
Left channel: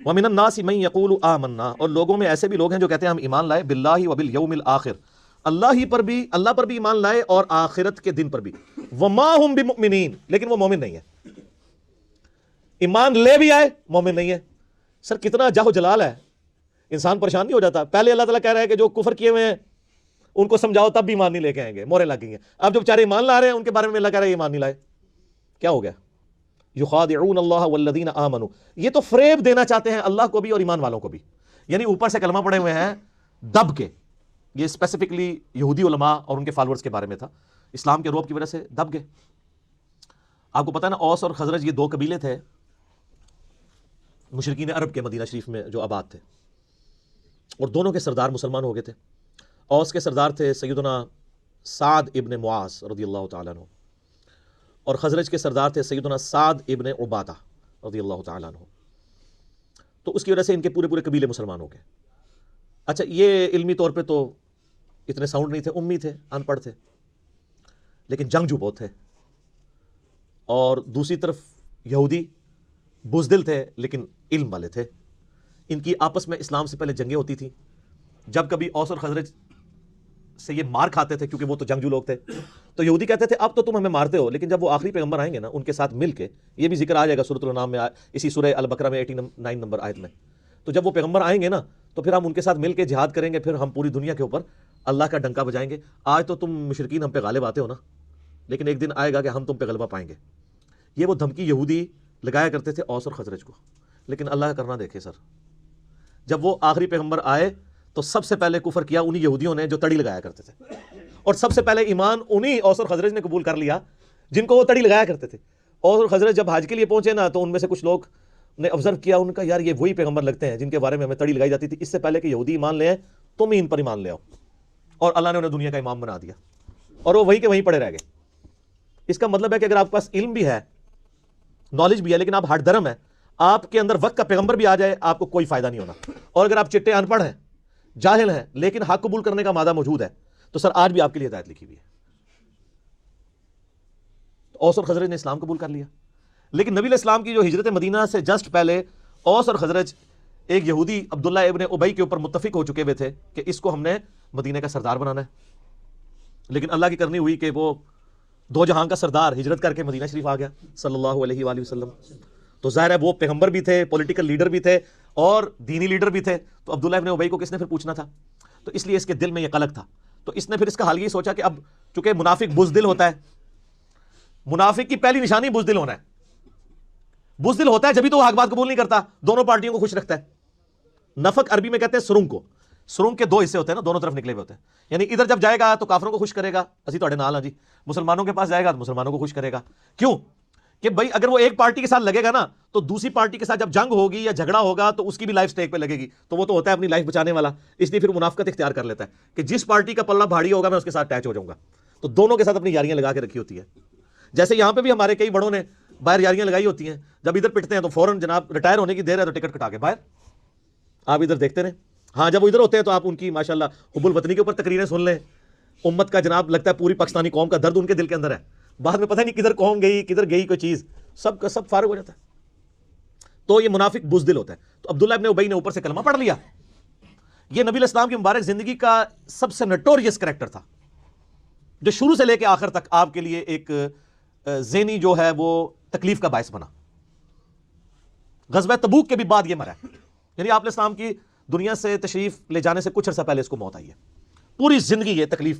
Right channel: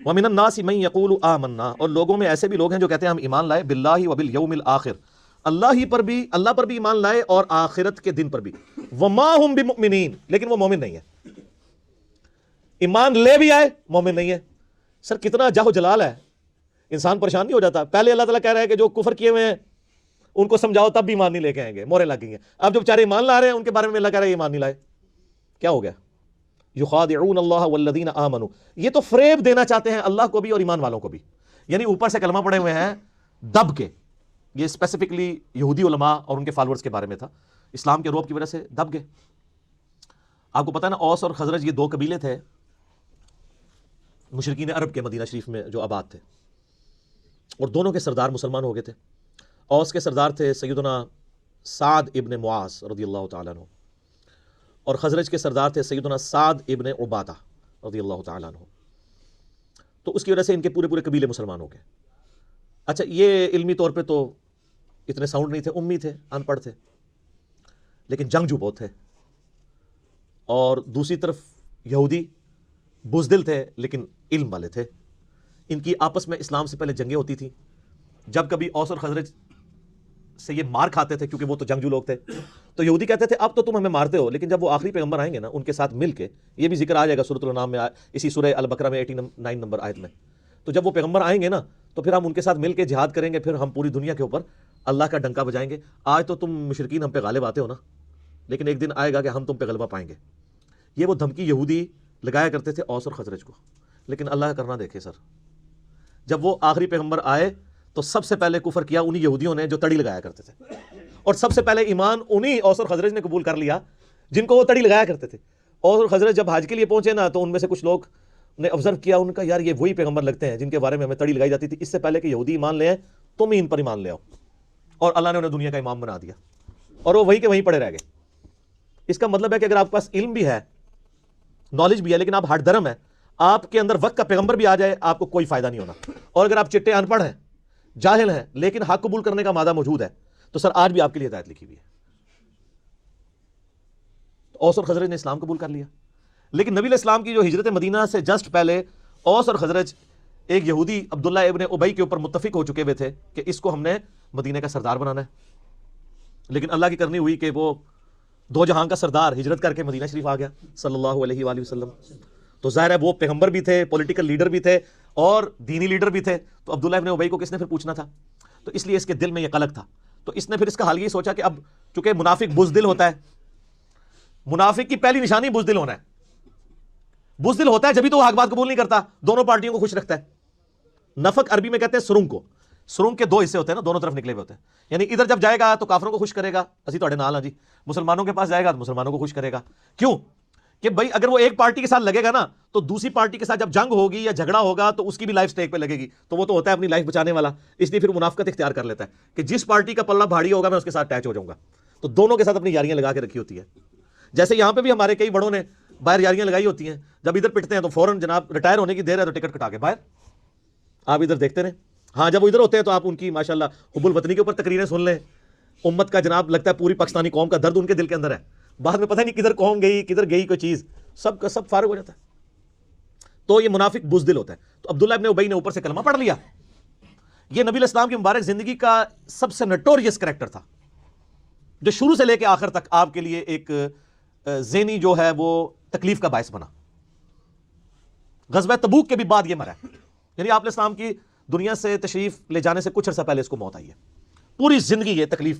وَمِنَ النَّاسِ مَن يَقُولُ آمَنَّا، اور لوگوں میں ایسے بھی لوگ ہیں جو کہتے ہیں ہم ایمان لائے، باللہ وبالیوم الآخر، اللہ پر بھی ایمان لائے اور آخرت کے دن پر بھی، وما ہم بمؤمنین، لیکن وہ مومن نہیں ہے۔ ایمان لے بھی آئے، مومن نہیں ہے۔ سر کتنا جاہ و جلال ہے، انسان پریشان نہیں ہو جاتا؟ پہلے اللہ تعالیٰ کہہ رہا ہے کہ جو کفر کیے ہوئے ہیں ان کو سمجھاؤ تب بھی ایمان نہیں لے کے آئیں گے، مورے لگ گئی ہیں۔ اب جو بیچارے ایمان لا رہے ہیں ان کے بارے میں اللہ کہہ رہا ہے ایمان نہیں لائے، کیا ہو گیا؟ یخادعون اللہ والذین آمنوا، یہ تو فریب دینا چاہتے ہیں اللہ کو بھی اور ایمان والوں کو بھی، یعنی اوپر سے کلمہ پڑے ہوئے ہیں دب کے۔ یہ اسپیسیفکلی یہودی علماء اور ان کے فالورز کے بارے میں تھا، اسلام کے روب کی وجہ سے دب گئے۔ آپ کو پتہ ہے نا اوس اور خزرج یہ دو قبیلے تھے مشرکین عرب کے مدینہ شریف میں جو آباد تھے، اور دونوں کے سردار مسلمان ہو گئے تھے۔ اوس کے سردار تھے سیدنا سعد ابن معاذ رضی اللہ تعالیٰ عنہ، اور خزرج کے سردار تھے سیدنا سعد ابن عبادہ رضی اللہ تعالیٰ عنہ۔ تو اس کی وجہ سے ان کے پورے قبیلے مسلمان ہو گئے۔ اچھا یہ علمی طور پہ تو اتنے ساؤنڈ نہیں تھے، امی تھے، ان پڑھ تھے، لیکن جنگجو بہت تھے۔ اور دوسری طرف یہودی بزدل تھے لیکن علم والے تھے۔ ان کی آپس میں اسلام سے پہلے جنگیں ہوتی تھیں، جب کبھی اوس اور خزرج سے یہ مار کھاتے تھے کیونکہ وہ تو جنگجو لوگ تھے، تو یہودی کہتے تھے اب تو تم ہمیں مارتے ہو، لیکن جب وہ آخری پیغمبر آئیں گے نا ان کے ساتھ مل کے، یہ بھی ذکر آ جائے گا سورۃ الانعام میں، اسی سورہ البقرہ میں 89 نمبر آیت میں، تو جب وہ پیغمبر آئیں گے نا تو پھر ہم ان کے ساتھ مل کے جہاد کریں گے، پھر ہم پوری دنیا کے اوپر اللہ کا ڈنکا بجائیں گے۔ آج تو تم مشرکین ہم پہ غالب آتے ہو نا، لیکن ایک دن آئے گا کہ ہم تم پہ غلبہ پائیں گے۔ یہ وہ دھمکی یہودی لگایا کرتے تھے اوس اور خزرج کو، لیکن اللہ کا کرنا دیکھے سر، جب وہ آخری پیغمبر آئے تو سب سے پہلے کفر کیا انہی یہودیوں نے جو تڑی لگایا کرتے تھے، اور سب سے پہلے ایمان انہی اوس اور خزرج نے قبول کر لیا جن کو وہ تڑی لگایا کرتے تھے۔ اوس اور خزرج جب حج کے لیے پہنچے نا تو ان میں سے کچھ لوگ نے آبزرو کیا، ان کا یار یہ وہی پیغمبر لگتے ہیں جن کے بارے میں ہمیں تڑی لگائی جاتی تھی، اس سے پہلے کہ یہودی ایمان لے آئے تم ہی ان پر ایمان لے آؤ، اور اللہ نے انہیں دنیا کا امام بنا دیا، اور وہ وہیں کے وہیں پڑے رہ گئے۔ اس کا مطلب ہے کہ اگر آپ کے پاس علم بھی ہے، نالج بھی ہے، لیکن آپ ہٹ درم ہیں، آپ کے اندر وقت کا پیغمبر بھی آ جائے آپ کو کوئی فائدہ نہیں ہونا. اور اگر آپ چٹے ان پڑھ ہیں، جاہل ہیں، لیکن حق قبول کرنے کا مادہ موجود ہے، تو سر آج بھی آپ کے لیے ہدایت لکھی ہوئی ہے. اوس اور خزرج نے اسلام قبول کر لیا، لیکن نبی علیہ السلام کی جو ہجرت مدینہ سے جسٹ پہلے اوس اور خزرج ایک یہودی عبداللہ ابن ابی کے اوپر متفق ہو چکے ہوئے تھے کہ اس کو ہم نے مدینہ کا سردار بنانا ہے. لیکن اللہ کی کرنی ہوئی کہ وہ دو جہاں کا سردار ہجرت کر کے مدینہ شریف آ گیا صلی اللہ علیہ وآلہ وسلم. تو ظاہر ہے وہ پیغمبر بھی تھے، پولیٹیکل لیڈر بھی تھے اور دینی لیڈر بھی تھے. تو عبداللہ ابن ابی کو کس نے پھر پوچھنا تھا؟ تو اس لیے اس کے دل میں یہ قلق تھا. تو اس نے پھر اس کا حال یہ سوچا کہ اب چونکہ منافق بزدل ہوتا ہے، منافق کی پہلی نشانی بزدل ہونا ہے. بزدل ہوتا ہے جبھی تو وہ حق بات قبول نہیں کرتا، دونوں پارٹیوں کو خوش رکھتا ہے. نفق عربی میں کہتے ہیں سرنگ کو. سرنگ کے دو حصے ہوتے ہیں نا، دونوں طرف نکلے ہوئے ہوتے ہیں. یعنی ادھر جب جائے گا تو کافروں کو خوش کرے گا، اسی تھوڑے نال ہاں جی. مسلمانوں کے پاس جائے گا تو مسلمانوں کو خوش کرے گا. کیوں کہ بھائی اگر وہ ایک پارٹی کے ساتھ لگے گا نا تو دوسری پارٹی کے ساتھ جب جنگ ہوگی یا جھگڑا ہوگا تو اس کی بھی لائف سٹیک پہ لگے گی. تو وہ تو ہوتا ہے اپنی لائف بچانے والا، اس لیے پھر منافقت اختیار کر لیتا ہے کہ جس پارٹی کا پلہ بھاری ہوگا میں اس کے ساتھ اٹیچ ہو جاؤں گا. تو دونوں کے ساتھ اپنی یاریاں لگا کے رکھی ہوتی ہے. جیسے یہاں پہ بھی ہمارے کئی بڑوں نے باہر یاریاں لگائی ہوتی ہیں، جب ادھر پٹتے ہیں تو فوراً جناب ریٹائر ہونے کی دیر ہے تو ٹکٹ کٹا کے باہر. آپ ادھر دیکھتے رہیں. ہاں جب وہ ادھر ہوتے ہیں تو آپ ان کی ماشاءاللہ حب الوطنی کے اوپر تقریریں سن لیں. امت کا جناب لگتا ہے پوری پاکستانی قوم کا درد ان کے دل کے اندر ہے. بعد میں پتہ نہیں کدھر قوم گئی کدھر گئی کوئی چیز، سب کا سب فارغ ہو جاتا ہے. تو یہ منافق بزدل ہوتا ہے. تو عبداللہ ابن ابی نے اوپر سے کلمہ پڑھ لیا. یہ نبی علیہ السلام کی مبارک زندگی کا سب سے نوٹوریس کریکٹر تھا، جو شروع سے لے کے آخر تک آپ کے لیے ایک ذہنی جو ہے وہ تکلیف کا باعث بنا. غزوہ تبوک کے بھی بعد یہ مرا، یعنی آپ علیہ السلام کی دنیا سے تشریف لے جانے سے کچھ عرصہ پہلے اس کو موت آئی ہے. پوری زندگی یہ تکلیف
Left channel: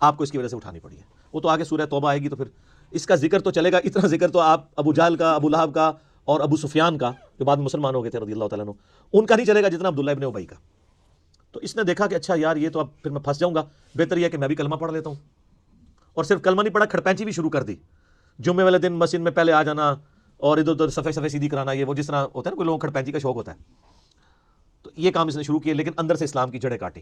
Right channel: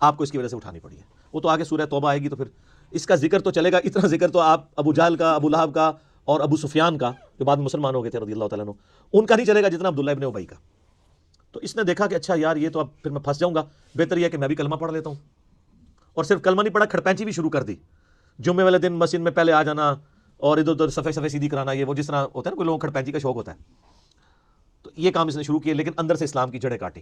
آپ کو اس کی وجہ سے اٹھانی پڑی ہے. وہ تو آگے سورہ توبہ آئے گی تو پھر اس کا ذکر تو چلے گا. اتنا ذکر تو آپ ابو جہل کا، ابو لہب کا اور ابو سفیان کا جو بعد میں مسلمان ہو گئے تھے رضی اللہ تعالیٰ عنہ، ان کا نہیں چلے گا جتنا عبداللہ ابن ابی کا. تو اس نے دیکھا کہ اچھا یار یہ تو اب پھر میں پھنس جاؤں گا، بہتر یہ ہے کہ میں بھی کلمہ پڑھ لیتا ہوں. اور صرف کلمہ نہیں پڑھا، کھڑپینچی بھی شروع کر دی. جمعے والے دن مسجد میں پہلے آ جانا اور ادھر ادھر صفحے صفحے سیدھی کرانا، یہ وہ جس طرح ہوتا ہے نا کوئی لوگوں کو کھڑپینچی کا شوق ہوتا ہے. تو یہ کام اس نے شروع کیا، لیکن اندر سے اسلام کی جڑیں کاٹی.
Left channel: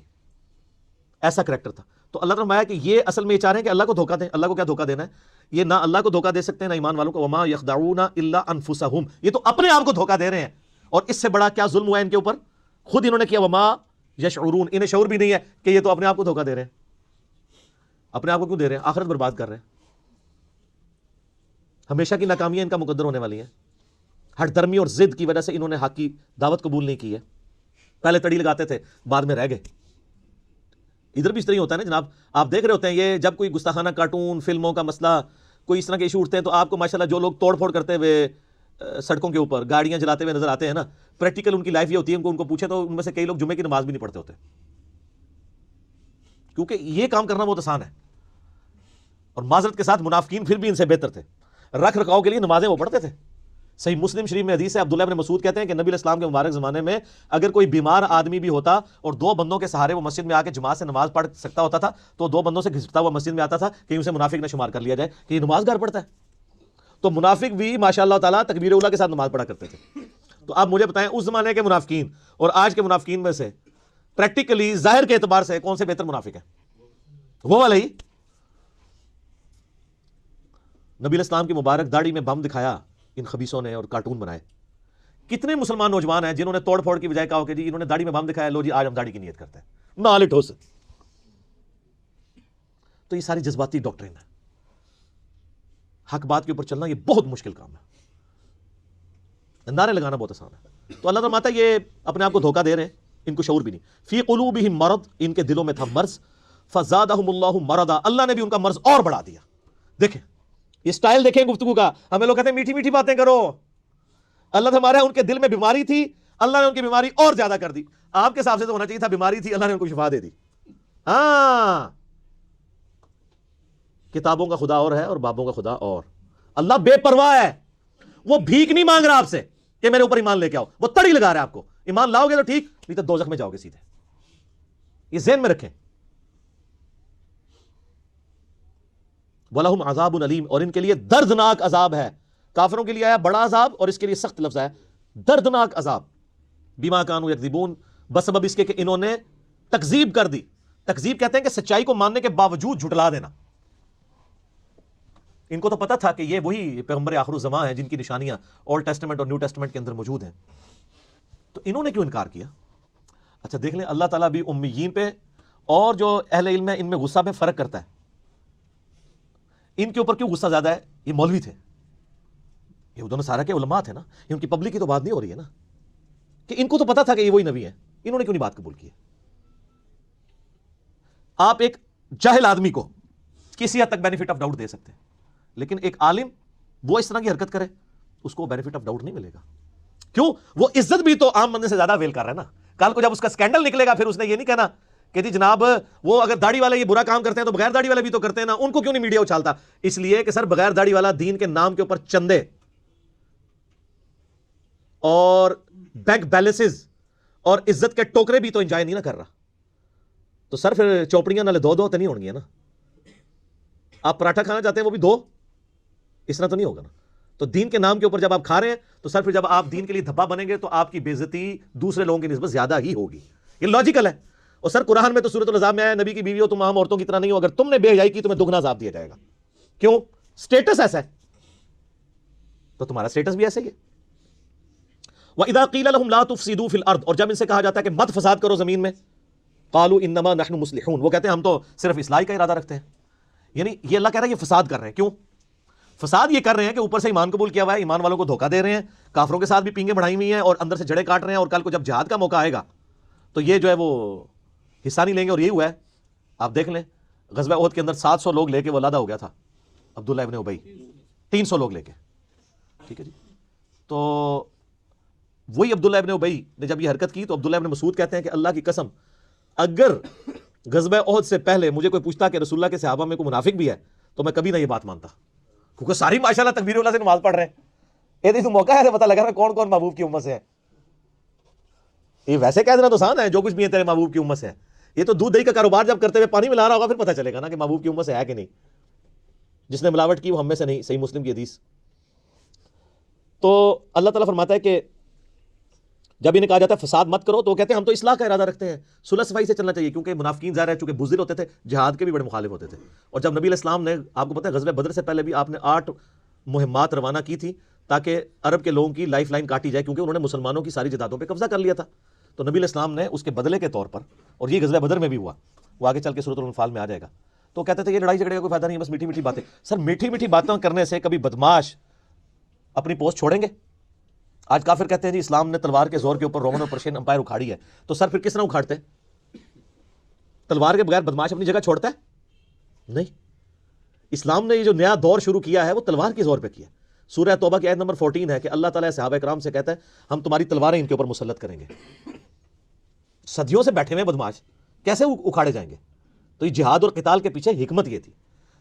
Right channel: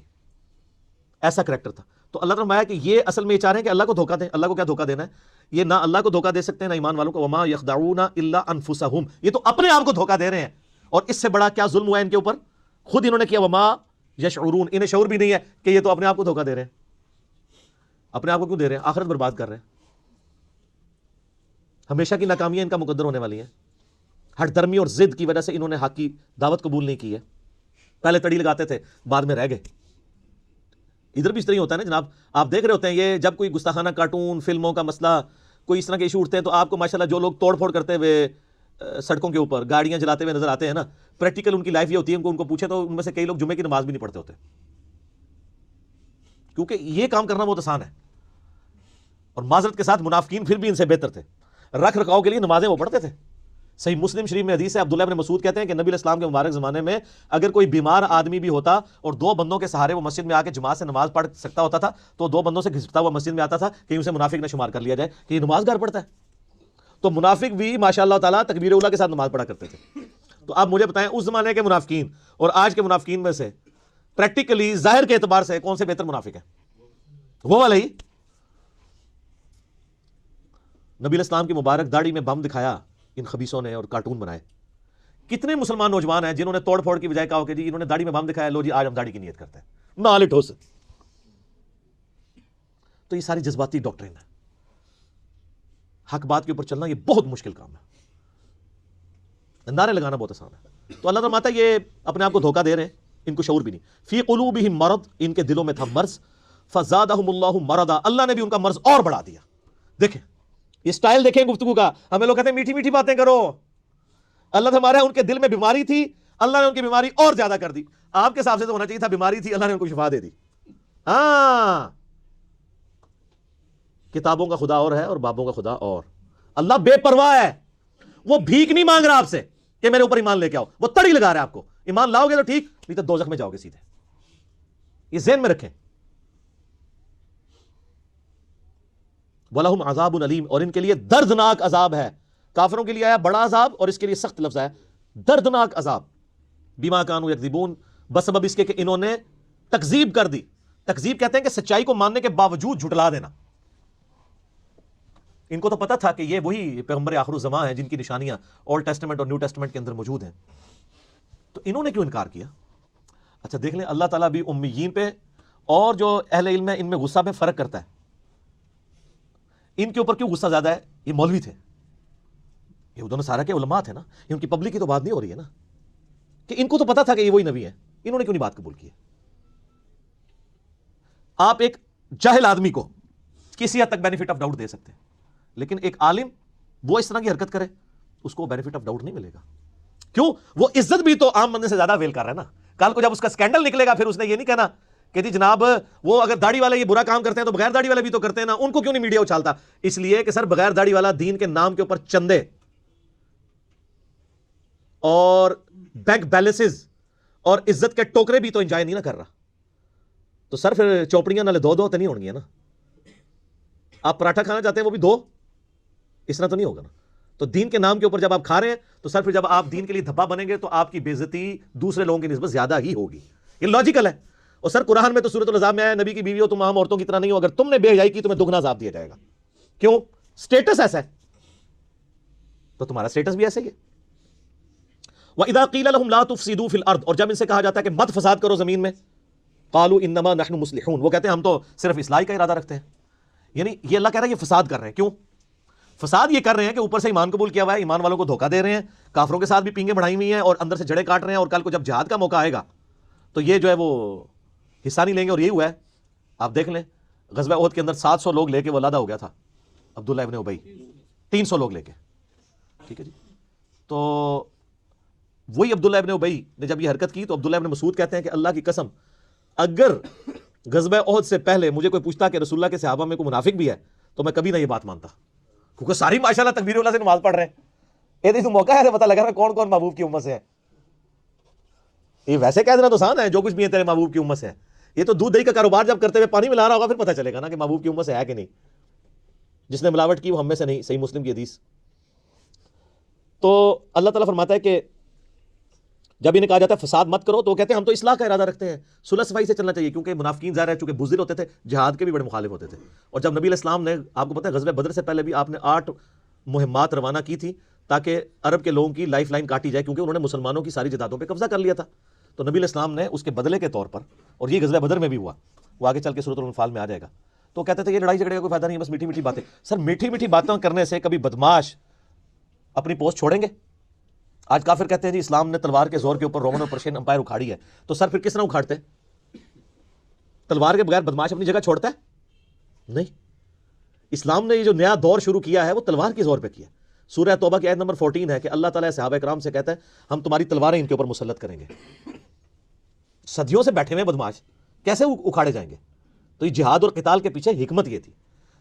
ایسا کریکٹر تھا. تو اللہ تعالیٰ کہ یہ اصل میں یہ چاہ رہے ہیں کہ اللہ کو دھوکہ دیں. اللہ کو کیا دھوکہ دینا ہے؟ یہ نہ اللہ کو دھوکہ دے سکتے ہیں نہ ایمان والوں کو. وما یخدعون الا انفسہم، یہ تو اپنے آپ کو دھوکہ دے رہے ہیں. اور اس سے بڑا کیا ظلم ہوا ہے ان کے اوپر؟ خود انہوں نے کیا. وما یشعرون، انہیں شعور بھی نہیں ہے کہ یہ تو اپنے آپ کو دھوکہ دے رہے ہیں. اپنے آپ کو کیوں دے رہے ہیں؟ آخرت برباد کر رہے ہیں. ہمیشہ کی ناکامیاں ان کا مقدر ہونے والی ہیں. ہٹ درمی اور ضد کی وجہ سے انہوں نے حق کی دعوت قبول نہیں کی ہے. پہلے تڑی لگاتے تھے، بعد میں رہ گئے. ادھر بھی اس طرح ہوتا ہے نا جناب. آپ دیکھ رہے ہوتے ہیں یہ جب کوئی گستاخانہ کارٹون فلموں کا مسئلہ کوئی اس طرح کے ایشو اٹھتے ہیں تو آپ کو ماشاءاللہ جو لوگ توڑ پھوڑ کرتے ہوئے سڑکوں کے اوپر گاڑیاں جلاتے ہوئے نظر آتے ہیں نا، پریکٹیکل ان کی لائف یہ ہوتی ہے. ان کو پوچھیں تو ان میں سے کئی لوگ جمعے کی نماز بھی نہیں پڑھتے ہوتے، کیونکہ یہ کام کرنا بہت آسان ہے. اور معذرت کے ساتھ منافقین پھر بھی ان سے بہتر تھے. رکھ رکھاؤ کے لیے نمازیں وہ پڑھتے تھے. صحیح مسلم شریف میں حدیث ہے، عبداللہ بن مسعود کہتے ہیں کہ نبی علیہ السلام کے مبارک زمانے میں اگر کوئی بیمار آدمی بھی ہوتا اور دو بندوں کے سہارے وہ مسجد میں آ کے جماعت سے نماز پڑھ سکتا ہوتا تھا تو دو بندوں سے گھسٹتا ہوا مسجد میں آتا تھا کہ اسے منافق نہ شمار کر لیا جائے کہ یہ نماز گھر پڑھتا ہے. تو منافق بھی ماشاء اللہ تعالیٰ تکبیر اولیٰ کے ساتھ نماز پڑھا کرتے تھے. تو آپ مجھے بتائیں اس زمانے کے منافقین اور آج کے منافقین میں سے پریکٹیکلی ظاہر کے اعتبار سے کون سے بہتر منافق ہے؟ وہ والا ہی. نبی علیہ السلام کی مبارک داڑھی میں بم دکھایا ان خبیثوں نے اور کارٹون بنائے. کتنے مسلمان نوجوان ہیں جنہوں نے توڑ پھوڑ کی بجائے کہا کہ جی انہوں نے داڑھی میں بم دکھایا، لو جی آج ہم داڑھی کی نیت کرتے ہیں، نال ٹھوس. تو یہ ساری جذباتی ڈاکٹرین ہے. حق بات کے اوپر چلنا یہ بہت مشکل کام ہے. نعرے لگانا بہت آسان ہے. تو اللہ تعالیٰ یہ اپنے آپ کو دھوکہ دے رہے ہیں، ان کو شعور بھی نہیں. فی قلوبہم مرض، ان کے دلوں میں تھا مرض. فزادہم اللہ مرضا، اللہ نے بھی ان کا مرض اور بڑھا دیا. دیکھیں یہ سٹائل دیکھیں گفتگو کا. ہمیں لوگ کہتے ہیں میٹھی میٹھی باتیں کرو. اللہ نے ہمارے ان کے دل میں بیماری تھی، اللہ نے ان کی بیماری اور زیادہ کر دی. آپ کے حساب سے تو ہونا چاہیے تھا بیماری تھی، اللہ نے ان کو شفا دے دی. کتابوں کا خدا اور ہے اور بابوں کا خدا اور. اللہ بے پرواہ ہے، وہ بھیک نہیں مانگ رہا آپ سے کہ میرے اوپر ایمان لے کے آؤ. وہ تڑی لگا رہا ہے آپ کو. ایمان لاؤ گے تو ٹھیک، نہیں تو دوزخ میں جاؤ گے سیدھے. یہ ذہن میں رکھیں. وَلَهُمْ عَذَابٌ عَلِيمٌ، اور ان کے لیے دردناک عذاب ہے. کافروں کے لیے آیا بڑا عذاب اور اس کے لیے سخت لفظ ہے دردناک عذاب. بما كانوا يكذبون، بسبب اس کے کہ انہوں نے تکذیب کر دی. تکذیب کہتے ہیں کہ سچائی کو ماننے کے باوجود جھٹلا دینا. ان کو تو پتا تھا کہ یہ وہی پیغمبر آخر الزمان ہیں جن کی نشانیاں اولڈ ٹیسٹمنٹ اور نیو ٹیسٹمنٹ کے اندر موجود ہیں، تو انہوں نے کیوں انکار کیا؟ اچھا دیکھ لیں، اللہ تعالیٰ بھی امیین پہ اور جو اہل علم ہے ان میں غصہ میں فرق کرتا ہے. ان کے اوپر کیوں غصہ زیادہ ہے؟ یہ مولوی تھے، یہ دونوں سارا کے علماء تھے نا، یہ ان کی پبلک کی تو بات نہیں ہو رہی ہے نا، کہ ان کو تو پتا تھا کہ یہ وہی نبی ہیں، انہوں نے کیوں نہیں بات قبول کی؟ آپ ایک جاہل آدمی کو کسی حد تک بینیفٹ آف ڈاؤٹ دے سکتے ہیں، لیکن ایک عالم وہ اس طرح کی حرکت کرے اس کو بینیفٹ آف ڈاؤٹ نہیں ملے گا. کیوں؟ وہ عزت بھی تو عام بندے سے زیادہ ویل کر رہا ہے نا. کل کو جب اس کا سکینڈل نکلے گا پھر اس نے یہ نہیں کہنا کہ جی جناب وہ اگر داڑھی والے یہ برا کام کرتے ہیں تو بغیر داڑھی والے بھی تو کرتے ہیں نا، ان کو کیوں نہیں میڈیا اچھالتا؟ اس لیے کہ سر بغیر داڑھی والا دین کے نام کے اوپر چندے اور بینک بیلنسز اور عزت کے ٹوکرے بھی تو انجوائے نہیں نہ کر رہا. تو سر پھر چوپڑیاں نالے دو تو نہیں ہونگی ہے نا. آپ پراٹھا کھانا چاہتے ہیں وہ بھی دو، اس طرح تو نہیں ہوگا نا. تو دین کے نام کے اوپر جب آپ کھا رہے ہیں تو سر پھر جب آپ دین کے لیے دھبا بنیں گے تو آپ کی بے عزتی دوسرے لوگوں کی نسبت زیادہ ہی ہوگی. یہ لاجیکل ہے. اور سر قرآن میں تو سورۃ العذاب میں ہے نبی کی بیوی ہو تم عام عورتوں کی طرح نہیں ہو، اگر تم نے بے حیائی کی تمہیں دگنا عذاب دیا جائے گا. کیوں؟ سٹیٹس ایسا ہے تو تمہارا سٹیٹس بھی ایسے ہی ہے. وَإِذَا قِيلَ لَهُمْ لَا تُفْسِدُوا فِي الْأَرْضِ، اور جب ان سے کہا جاتا ہے کہ مت فساد کرو زمین میں، قَالُوا إِنَّمَا نَحْنُ مُصْلِحُونَ، وہ کہتے ہیں ہم تو صرف اصلاح کا ارادہ رکھتے ہیں. یعنی یہ اللہ کہہ رہا ہے یہ فساد کر رہے ہیں. کیوں فساد یہ کر رہے ہیں؟ کہ اوپر سے ایمان قبول کیا ہوا ہے، ایمان والوں کو دھوکہ دے رہے ہیں، کافروں کے ساتھ بھی پینگیں بڑھائی ہوئی ہیں اور اندر سے جڑیں کاٹ رہے ہیں، اور کل کو جب جہاد کا موقع آئے گا تو یہ جو ہے وہ حصہ نہیں لیں گے. اور یہ ہوا ہے آپ دیکھ لیں غزوہ احد کے اندر 700 لوگ لے کے وہ لادہ ہو گیا تھا عبداللہ ابن ابی، 300 لوگ لے کے. ٹھیک ہے جی. تو وہی عبداللہ ابن ابی نے جب یہ حرکت کی تو عبداللہ ابن مسعود کہتے ہیں کہ اللہ کی قسم اگر غزوہ احد سے پہلے مجھے کوئی پوچھتا کہ رسول اللہ کے صحابہ میں کوئی منافق بھی ہے تو میں کبھی نہ یہ بات مانتا، کیونکہ ساری ماشاءاللہ تکبیر اللہ سے نماز پڑھ رہے ہیں. یہ تو موقع ہے پتہ لگا کون کون محبوب کی امت سے ہے. یہ ویسے کہہ دینا تو آسان ہے، جو کچھ بھی ہے تیرے محبوب کی امت سے ہے. یہ تو دودھ دہی کا کاروبار جب کرتے ہوئے پانی ملا رہا ہوگا پھر پتہ چلے گا نا کہ محبوب کی امت سے ہے کہ نہیں. جس نے ملاوٹ کی وہ ہم میں سے نہیں. صحیح مسلم کی حدیث. تو اللہ تعالیٰ فرماتا ہے کہ جب انہیں کہا جاتا ہے فساد مت کرو تو وہ کہتے ہیں ہم تو اصلاح کا ارادہ رکھتے ہیں، صلح صفائی سے چلنا چاہیے، کیونکہ منافقین ظاہر ہے چونکہ بزدل ہوتے تھے، جہاد کے بھی بڑے مخالف ہوتے تھے. اور جب نبی علیہ السلام نے آپ کو پتہ ہے غزوہ بدر سے پہلے بھی آپ نے 8 مہمات روانہ کی تھی تاکہ عرب کے لوگوں کی لائف لائن کاٹی جائے، کیونکہ انہوں نے مسلمانوں کی ساری جائیدادوں پہ قبضہ کر لیا تھا. تو نبی علیہ السلام نے اس کے بدلے کے طور پر، اور یہ غزوہ بدر میں بھی ہوا، وہ آگے چل کے سورۃ الانفال میں آ جائے گا، تو کہتے تھے یہ لڑائی جھگڑے کا کوئی فائدہ نہیں ہے، بس میٹھی میٹھی باتیں. سر میٹھی میٹھی باتیں کرنے سے کبھی بدماش اپنی پوسٹ چھوڑیں گے؟ آج کافر کہتے ہیں جی اسلام نے تلوار کے زور کے اوپر رومن اور پرشین امپائر اکھاڑی ہے، تو سر پھر کس طرح اکھاڑتے؟ تلوار کے بغیر بدماش اپنی جگہ چھوڑتا ہے؟ نہیں. اسلام نے یہ جو نیا دور شروع کیا ہے وہ تلوار کے زور پہ کیا. سورہ توبہ کی آیت نمبر 14 ہے کہ اللہ تعالیٰ صحابہ کرام سے کہتا ہے ہم تمہاری تلواریں ان کے اوپر مسلط کریں گے. صدیوں سے بیٹھے ہوئے بدماش کیسے اکھاڑے جائیں گے؟ تو یہ جہاد اور قتال کے پیچھے حکمت یہ تھی.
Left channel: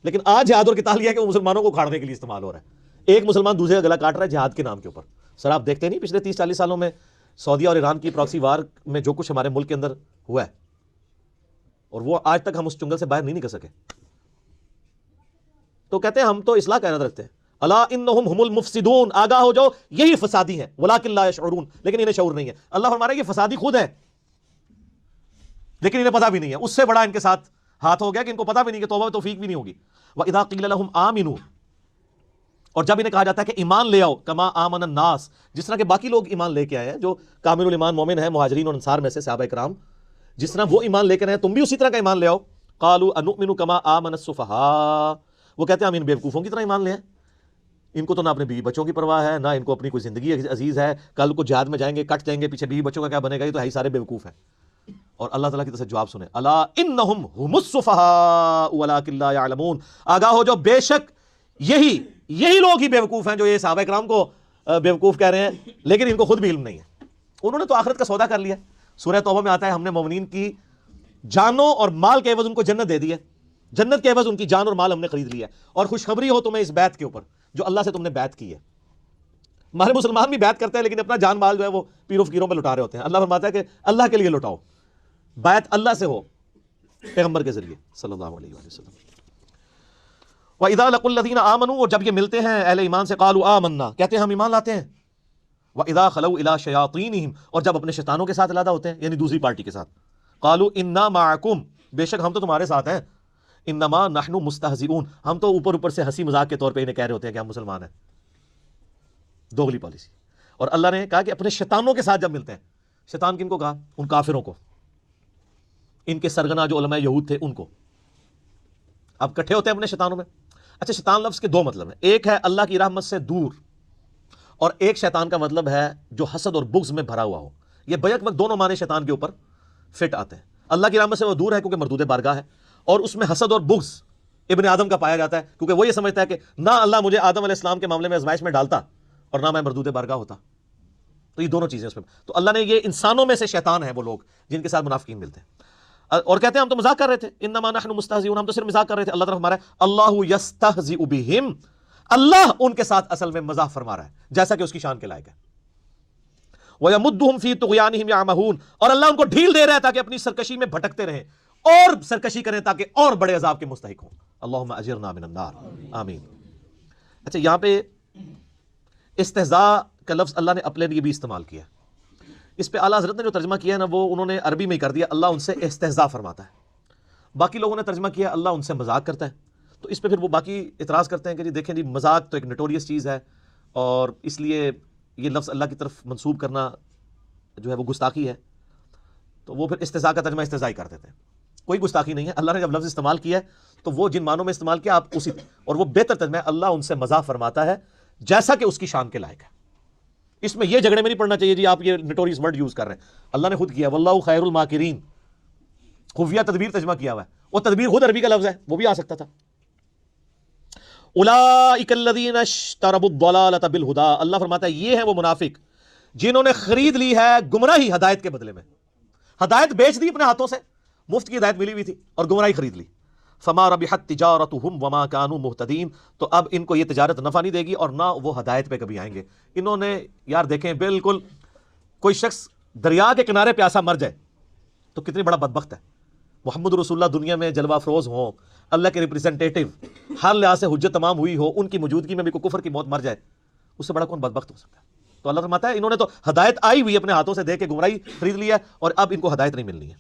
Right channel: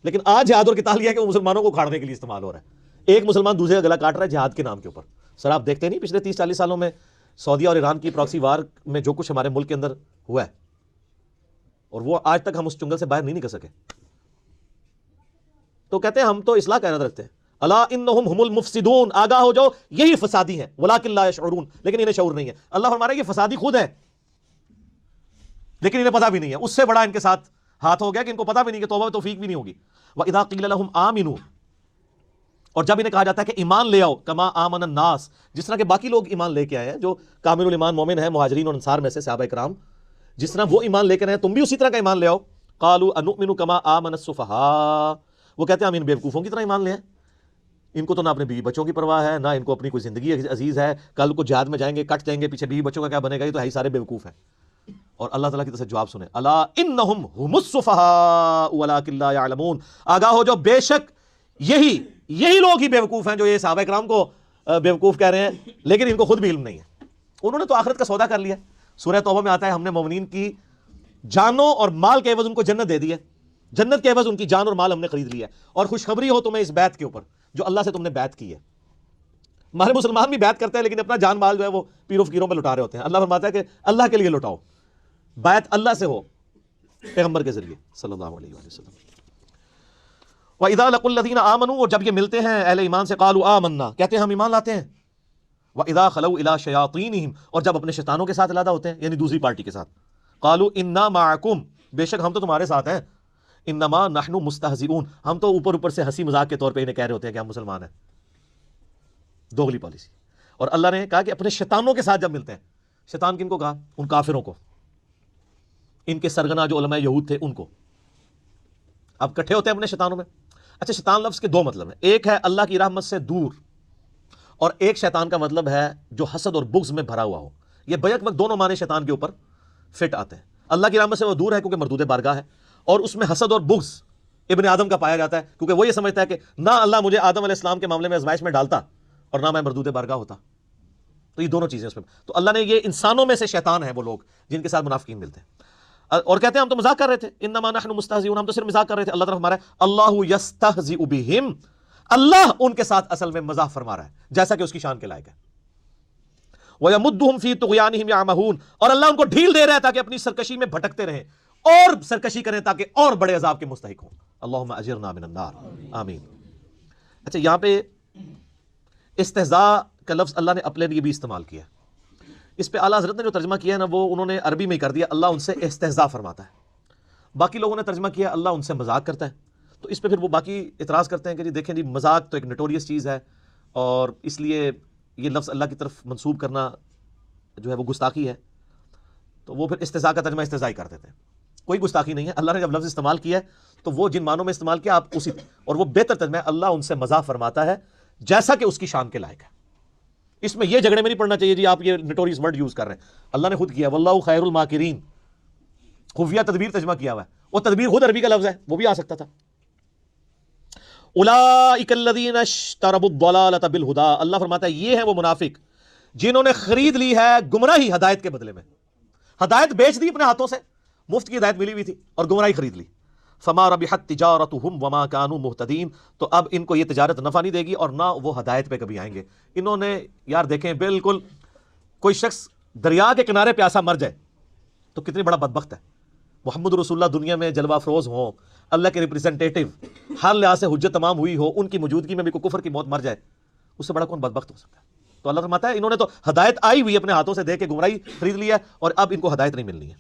لیکن آج جہاد اور قتال یہ ہے کہ وہ مسلمانوں کو اکھاڑنے کے لیے استعمال ہو رہا ہے. ایک مسلمان دوسرے کا گلا کاٹ رہا ہے جہاد کے نام کے اوپر. سر آپ دیکھتے نہیں پچھلے 30-40 سالوں میں سعودیہ اور ایران کی پراکسی وار میں جو کچھ ہمارے ملک کے اندر ہوا ہے، اور وہ آج تک ہم اس چنگل سے باہر نہیں نکل سکے. تو کہتے ہیں ہم تو اصلاح کا ارادہ رکھتے ہیں. الا انہم هم المفسدون، آگاہ ہو جاؤ یہی فسادی ہیں، ولکن لا یشعرون، لیکن انہیں شعور نہیں ہے. اللہ فرما رہا ہے یہ فسادی خود ہے لیکن انہیں پتہ بھی نہیں ہے. اس سے بڑا ان کے ساتھ ہاتھ ہو گیا کہ ان کو پتہ بھی نہیں کہ توبہ و توفیق بھی نہیں ہوگی. وَإِذَا قِيلَ لَهُمْ آمِنُوا، اور جب انہیں کہا جاتا ہے کہ ایمان لے آؤ، کما آمن الناس، جس طرح کہ باقی لوگ ایمان لے کے آئے ہیں جو کامل الایمان مومن ہیں مہاجرین اور انصار میں سے صحابہ کرام، جس طرح وہ ایمان لے کر آئے تم بھی اسی طرح کا ایمان لے آؤ. قالوا انؤمن کما آمن السفہاء، وہ کہتے ہیں ہم ان بیوقوفوں کی طرح ایمان لے آئیں. ان کو تو نہ اپنے بیوی بچوں کی پرواہ ہے، نہ ان کو اپنی کوئی زندگی عزیز ہے. کل کو جہاد میں جائیں گے کٹ جائیں گے، پیچھے بیوی بچوں کا کیا بنے گا؟ یہ تو ہے سارے بیوقوف ہیں. اور اللہ تعالیٰ کی طرف سے جواب سنیں، الا انہم هم السفہاء ولکن لا یعلمون، آگاہ ہو جو بے شک یہی لوگ ہی بیوقوف ہیں جو یہ صحابہ کرام کو بیوقوف کہہ رہے ہیں، لیکن ان کو خود بھی علم نہیں ہے. انہوں نے تو آخرت کا سودا کر لیا. سورہ توبہ میں آتا ہے ہم نے مومنین کی جانوں اور مال کے عوض ان کو جنت دے دی ہے، جنت کے عوض ان کی جان اور مال ہم نے خرید لیا. اور خوشخبری ہو تمہیں اس بیعت کے اوپر جو اللہ سے تم نے بیعت کی ہے. ہمارے مسلمان بھی بیعت کرتے ہیں لیکن اپنا جان مال جو ہے وہ پیر و فقیروں پہ لٹا رہے ہوتے ہیں. اللہ فرماتا ہے کہ اللہ کے لیے لٹاؤ، بیعت اللہ سے ہو پیغمبر کے ذریعے صلی اللہ علیہ وسلم. وَإِذَا لَقُوا الَّذِينَ آمَنُوا، اور جب یہ ملتے ہیں اہل ایمان سے، قالوا آمنا، کہتے ہیں ہم ایمان لاتے ہیں. وَإِذَا خَلَوْا إِلَىٰ شَيَاطِينِهِمْ، اور جب اپنے شیطانوں کے ساتھ علیحدہ ہوتے ہیں یعنی دوسری پارٹی کے ساتھ، قالوا إِنَّا مَعَكُمْ، بے شک ہم تو تمہارے ساتھ ہیں. انما نحن مستہزئون، ہم تو اوپر اوپر سے ہنسی مذاق کے طور پہ انہیں کہہ رہے ہوتے ہیں کہ ہم مسلمان ہیں. دوغلی پالیسی. اور اللہ نے کہا کہ اپنے شیطانوں کے ساتھ جب ملتے ہیں، شیطان کن کو کہا؟ ان کافروں کو، ان کے سرگنا جو علماء یہود تھے ان کو. اب کٹھے ہوتے ہیں اپنے شیطانوں میں. اچھا، شیطان لفظ کے دو مطلب ہیں، ایک ہے اللہ کی رحمت سے دور، اور ایک شیطان کا مطلب ہے جو حسد اور بغض میں بھرا ہوا ہو. یہ بیک وقت دونوں معنی شیطان کے اوپر فٹ آتے ہیں. اللہ کی رحمت سے وہ دور ہے کیونکہ مردود بارگاہ ہے، اور اس میں حسد اور بغض ابن آدم کا پایا جاتا ہے کیونکہ وہ یہ سمجھتا ہے کہ نہ اللہ مجھے آدم علیہ السلام کے معاملے میں آزمائش میں ڈالتا اور نہ میں مردود بارگاہ ہوتا. تو یہ دونوں چیزیں اس میں. تو اللہ نے یہ انسانوں میں سے شیطان ہے وہ لوگ جن کے ساتھ منافقین ملتے ہیں اور کہتے ہیں ہم تو مذاق کر رہے تھے، انما نحن مستہزئون، ہم تو صرف مذاق کر رہے تھے. اللہ تعالیٰ فرما رہا ہے اللہ یستہزئ بہم، اللہ ان کے ساتھ اصل میں مزاح فرما رہا ہے جیسا کہ اس کی شان کے لائق ہے. وَيَمُدُّهُمْ فِي طُغْيَانِهِمْ يَعْمَهُونَ، اور اللہ ان کو ڈھیل دے رہا ہے تاکہ اپنی سرکشی میں بھٹکتے رہیں اور سرکشی کریں تاکہ اور بڑے عذاب کے مستحق ہوں. اللہم اجرنا من النار، آمین. اچھا، یہاں پہ استہزاء کا لفظ اللہ نے اپنے لیے بھی استعمال کیا. اس پہ اعلیٰ حضرت نے جو ترجمہ کیا ہے نا وہ انہوں نے عربی میں ہی کر دیا، اللہ ان سے استہزاء فرماتا ہے. باقی لوگوں نے ترجمہ کیا اللہ ان سے مذاق کرتا ہے. تو اس پہ پھر وہ باقی اعتراض کرتے ہیں کہ جی دیکھیں جی مذاق تو ایک نوٹوریس چیز ہے اور اس لیے یہ لفظ اللہ کی طرف منسوب کرنا جو ہے وہ گستاخی ہے. تو وہ پھر استہزاء کا ترجمہ استہزاء ہی کر دیتے ہیں. کوئی گستاخی نہیں ہے. اللہ نے جب لفظ استعمال کیا تو وہ جن معنوں میں استعمال کیا آپ اسی، اور وہ بہتر ترجمہ ہے اللہ ان سے مذاق فرماتا ہے جیسا کہ اس کی شان کے لائق ہے. اس میں یہ جھگڑے میں نہیں پڑنا چاہیے جی آپ یہ نوٹوریس ورڈ یوز کر رہے ہیں. اللہ نے خود کیا واللہ خیر الماکرین، خفیہ تدبیر ترجمہ کیا ہوا ہے. وہ تدبیر خود عربی کا لفظ ہے، وہ بھی آ سکتا تھا. اولئک الذین اشتروا الضلالۃ بالہدی، اللہ فرماتا ہے یہ ہے وہ منافق جنہوں نے خرید لی ہے گمراہی ہدایت کے بدلے میں. ہدایت بیچ دی اپنے ہاتھوں سے، مفت کی ہدایت ملی ہوئی تھی اور گمراہی خرید لی. فما ربحت تجارتهم وما كانوا مهتدین، تو اب ان کو یہ تجارت نفع نہیں دے گی اور نہ وہ ہدایت پہ کبھی آئیں گے. انہوں نے یار دیکھیں بالکل کوئی شخص دریا کے کنارے پہ ایسا مر جائے تو کتنے بڑا بدبخت ہے. محمد رسول اللہ دنیا میں جلوہ افروز ہوں، اللہ کے ریپریزنٹیٹو، ہر لحاظ سے حجت تمام ہوئی ہو، ان کی موجودگی میں بھی کوئی کفر کی موت مر جائے، اس سے بڑا کون بدبخت ہو سکتا ہے. تو اللہ فرماتا ہے انہوں نے تو ہدایت آئی ہوئی اپنے ہاتھوں سے دے کے گمراہی خرید لی ہے اور اب ان کو ہدایت نہیں ملنی ہے.